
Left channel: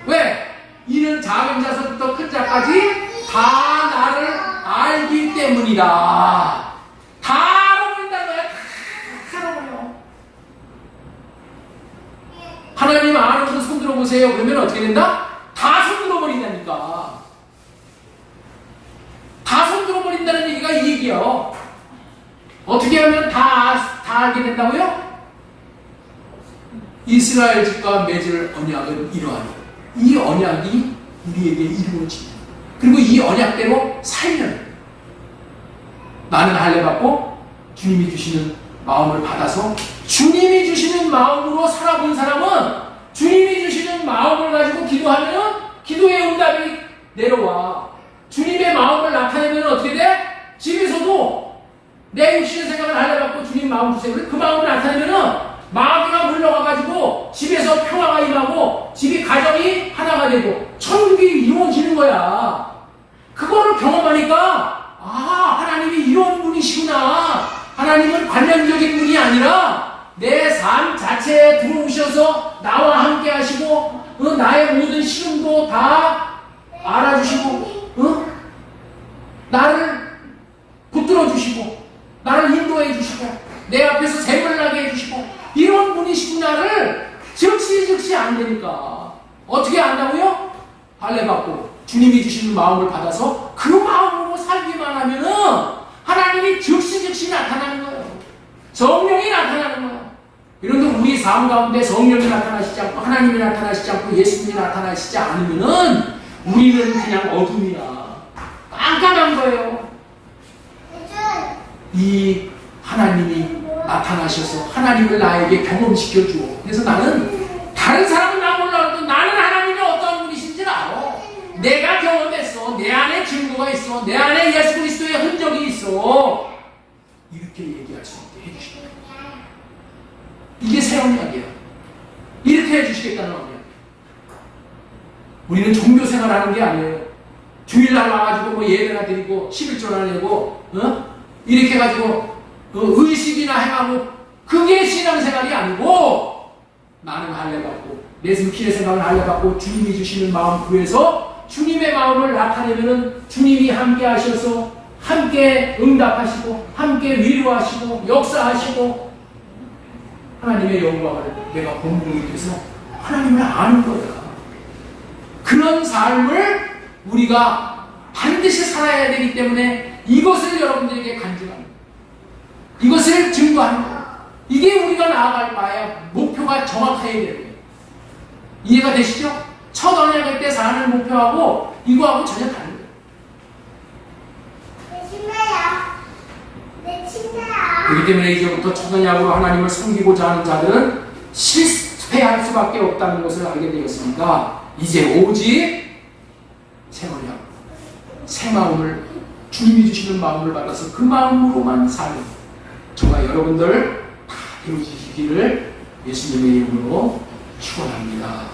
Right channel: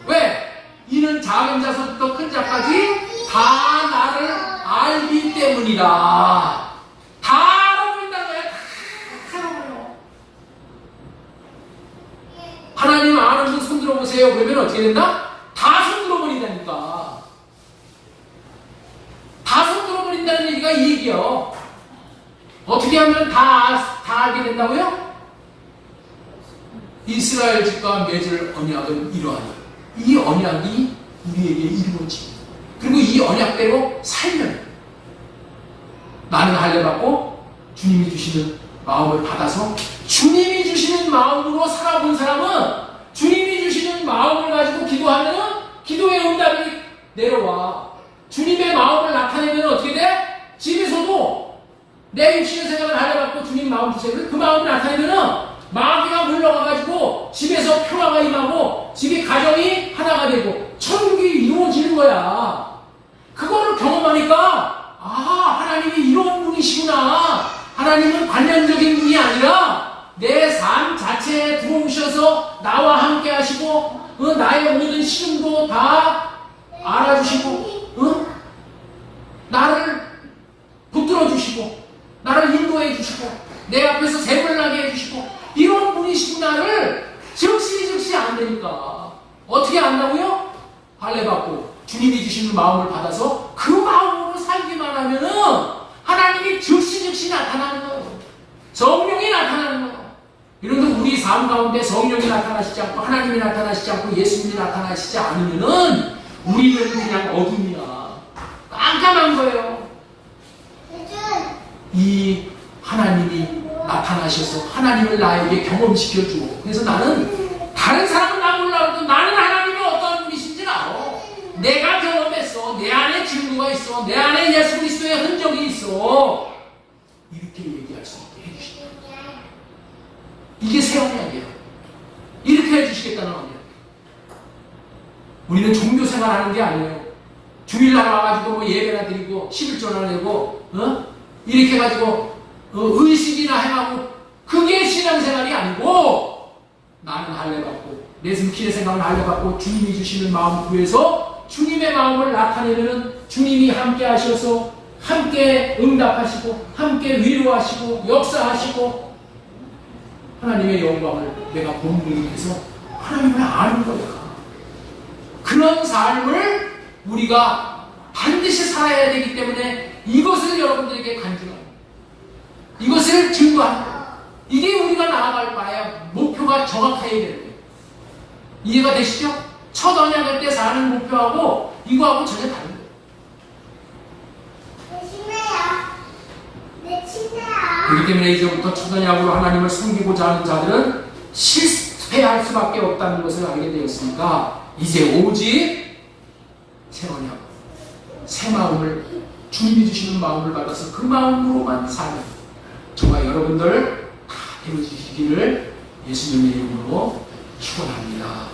왜? 이는 작은 자서부터 큰 자까지 다 나를 알기 때문이다. 다 알아버린다는 거야. 다 알아버려. 하나님 아는 분 손들어 보세요. 그러면 어떻게 된다? 다 손들어 버린다니까. 다 손들어 버린다는 얘기가 이 얘기요. 어떻게 하면 다 알게 된다고요? 이스라엘 집과 맺을 언약은 이러하니 이 언약이 우리에게 이루어집니다. 그리고 이 언약대로 살면 나는 할례받고 주님이 주시는 마음을 받아서 주님이 주시는 마음으로 살아본 사람은 주님이 주시는 마음을 가지고 기도하면 기도의 응답이 내려와. 주님의 마음을 나타내면 어떻게 돼? 집에서도 내 육신의 생각을 달래갖고 주님 마음 주세요. 그 마음이 나타나면은 마귀가 물러가가지고 집에서 평화가 임하고 집이 가정이 하나가 되고 천국이 이루어지는 거야. 그거를 경험하니까 하나님이 이런 분이시구나. 하나님은 관념적인 분이 아니라 내 삶 자체에 들어오셔서 나와 함께 하시고 나의 모든 시름도 다 알아주시고 나를 붙들어 주시고 나를 인도해 주시고 내 앞에서 색을 나게 해주시고 이런 분이시구나를 즉시 안 되니까 어떻게 안다고요? 할례받고 주님이 주시는 마음을 받아서 그 마음으로 살기만 하면은 하나님이 즉시 나타나는 거예요. 성령이 나타나는 거예요. 그런데 우리 삶 가운데 성령이 나타나시지 않고 하나님이 나타나시지 않고 예수님이 나타나시지 않으면은 우리는 그냥 어둠이야. 깜깜한 거예요. 이 하나님이 나타나셔서 하나님을 나에게 경험시켜주고 그래서 나는 다른 사람은 나 몰라도 나는 하나님이 어떤 분이신지 알아. 내가 경험했어. 내 안에 증거가 있어. 내 안에 예수 그리스도의 흔적이 있어. 이렇게 얘기할 수 있게 해주신다. 이게 새 언약이야. 이렇게 해주시겠다는 언약. 우리는 종교 생활하는 게 아니에요. 주일날 와가지고 뭐 예배나 드리고 11조나 내고 이렇게 해가지고 의식이나 행하고 그게 신앙생활이 아니고 나는 할례받고 내 숨길의 생각을 할례받고 주님이 주시는 마음 구해서 주님의 마음을 나타내면 주님이 함께 하셔서 함께 응답하시고 함께 위로하시고 역사하시고 하나님의 영광을 내가 본분해서 하나님을 아는 거야. 그런 삶을 우리가 반드시 살아야 되기 때문에 이것을 여러분들에게 간증합니다. 이것을 증거하는 거예요. 이게 우리가 나아갈 바에 목표가 정확해야 돼요. 이해가 되시죠? 첫 언약할 때 사는 목표하고 이거하고 전혀 다른 거예요. 내 침대야. 그렇기 때문에 이제부터 첫 언약으로 하나님을 섬기고자 하는 자들은 실패할 수밖에 없다는 것을 알게 되었으니까 이제 오직 새 언약, 새 마음을 주님이 주시는 마음을 받아서 그 마음으로만 사는 저와 여러분들 다 되어지시기를 예수님의 이름으로 축원합니다.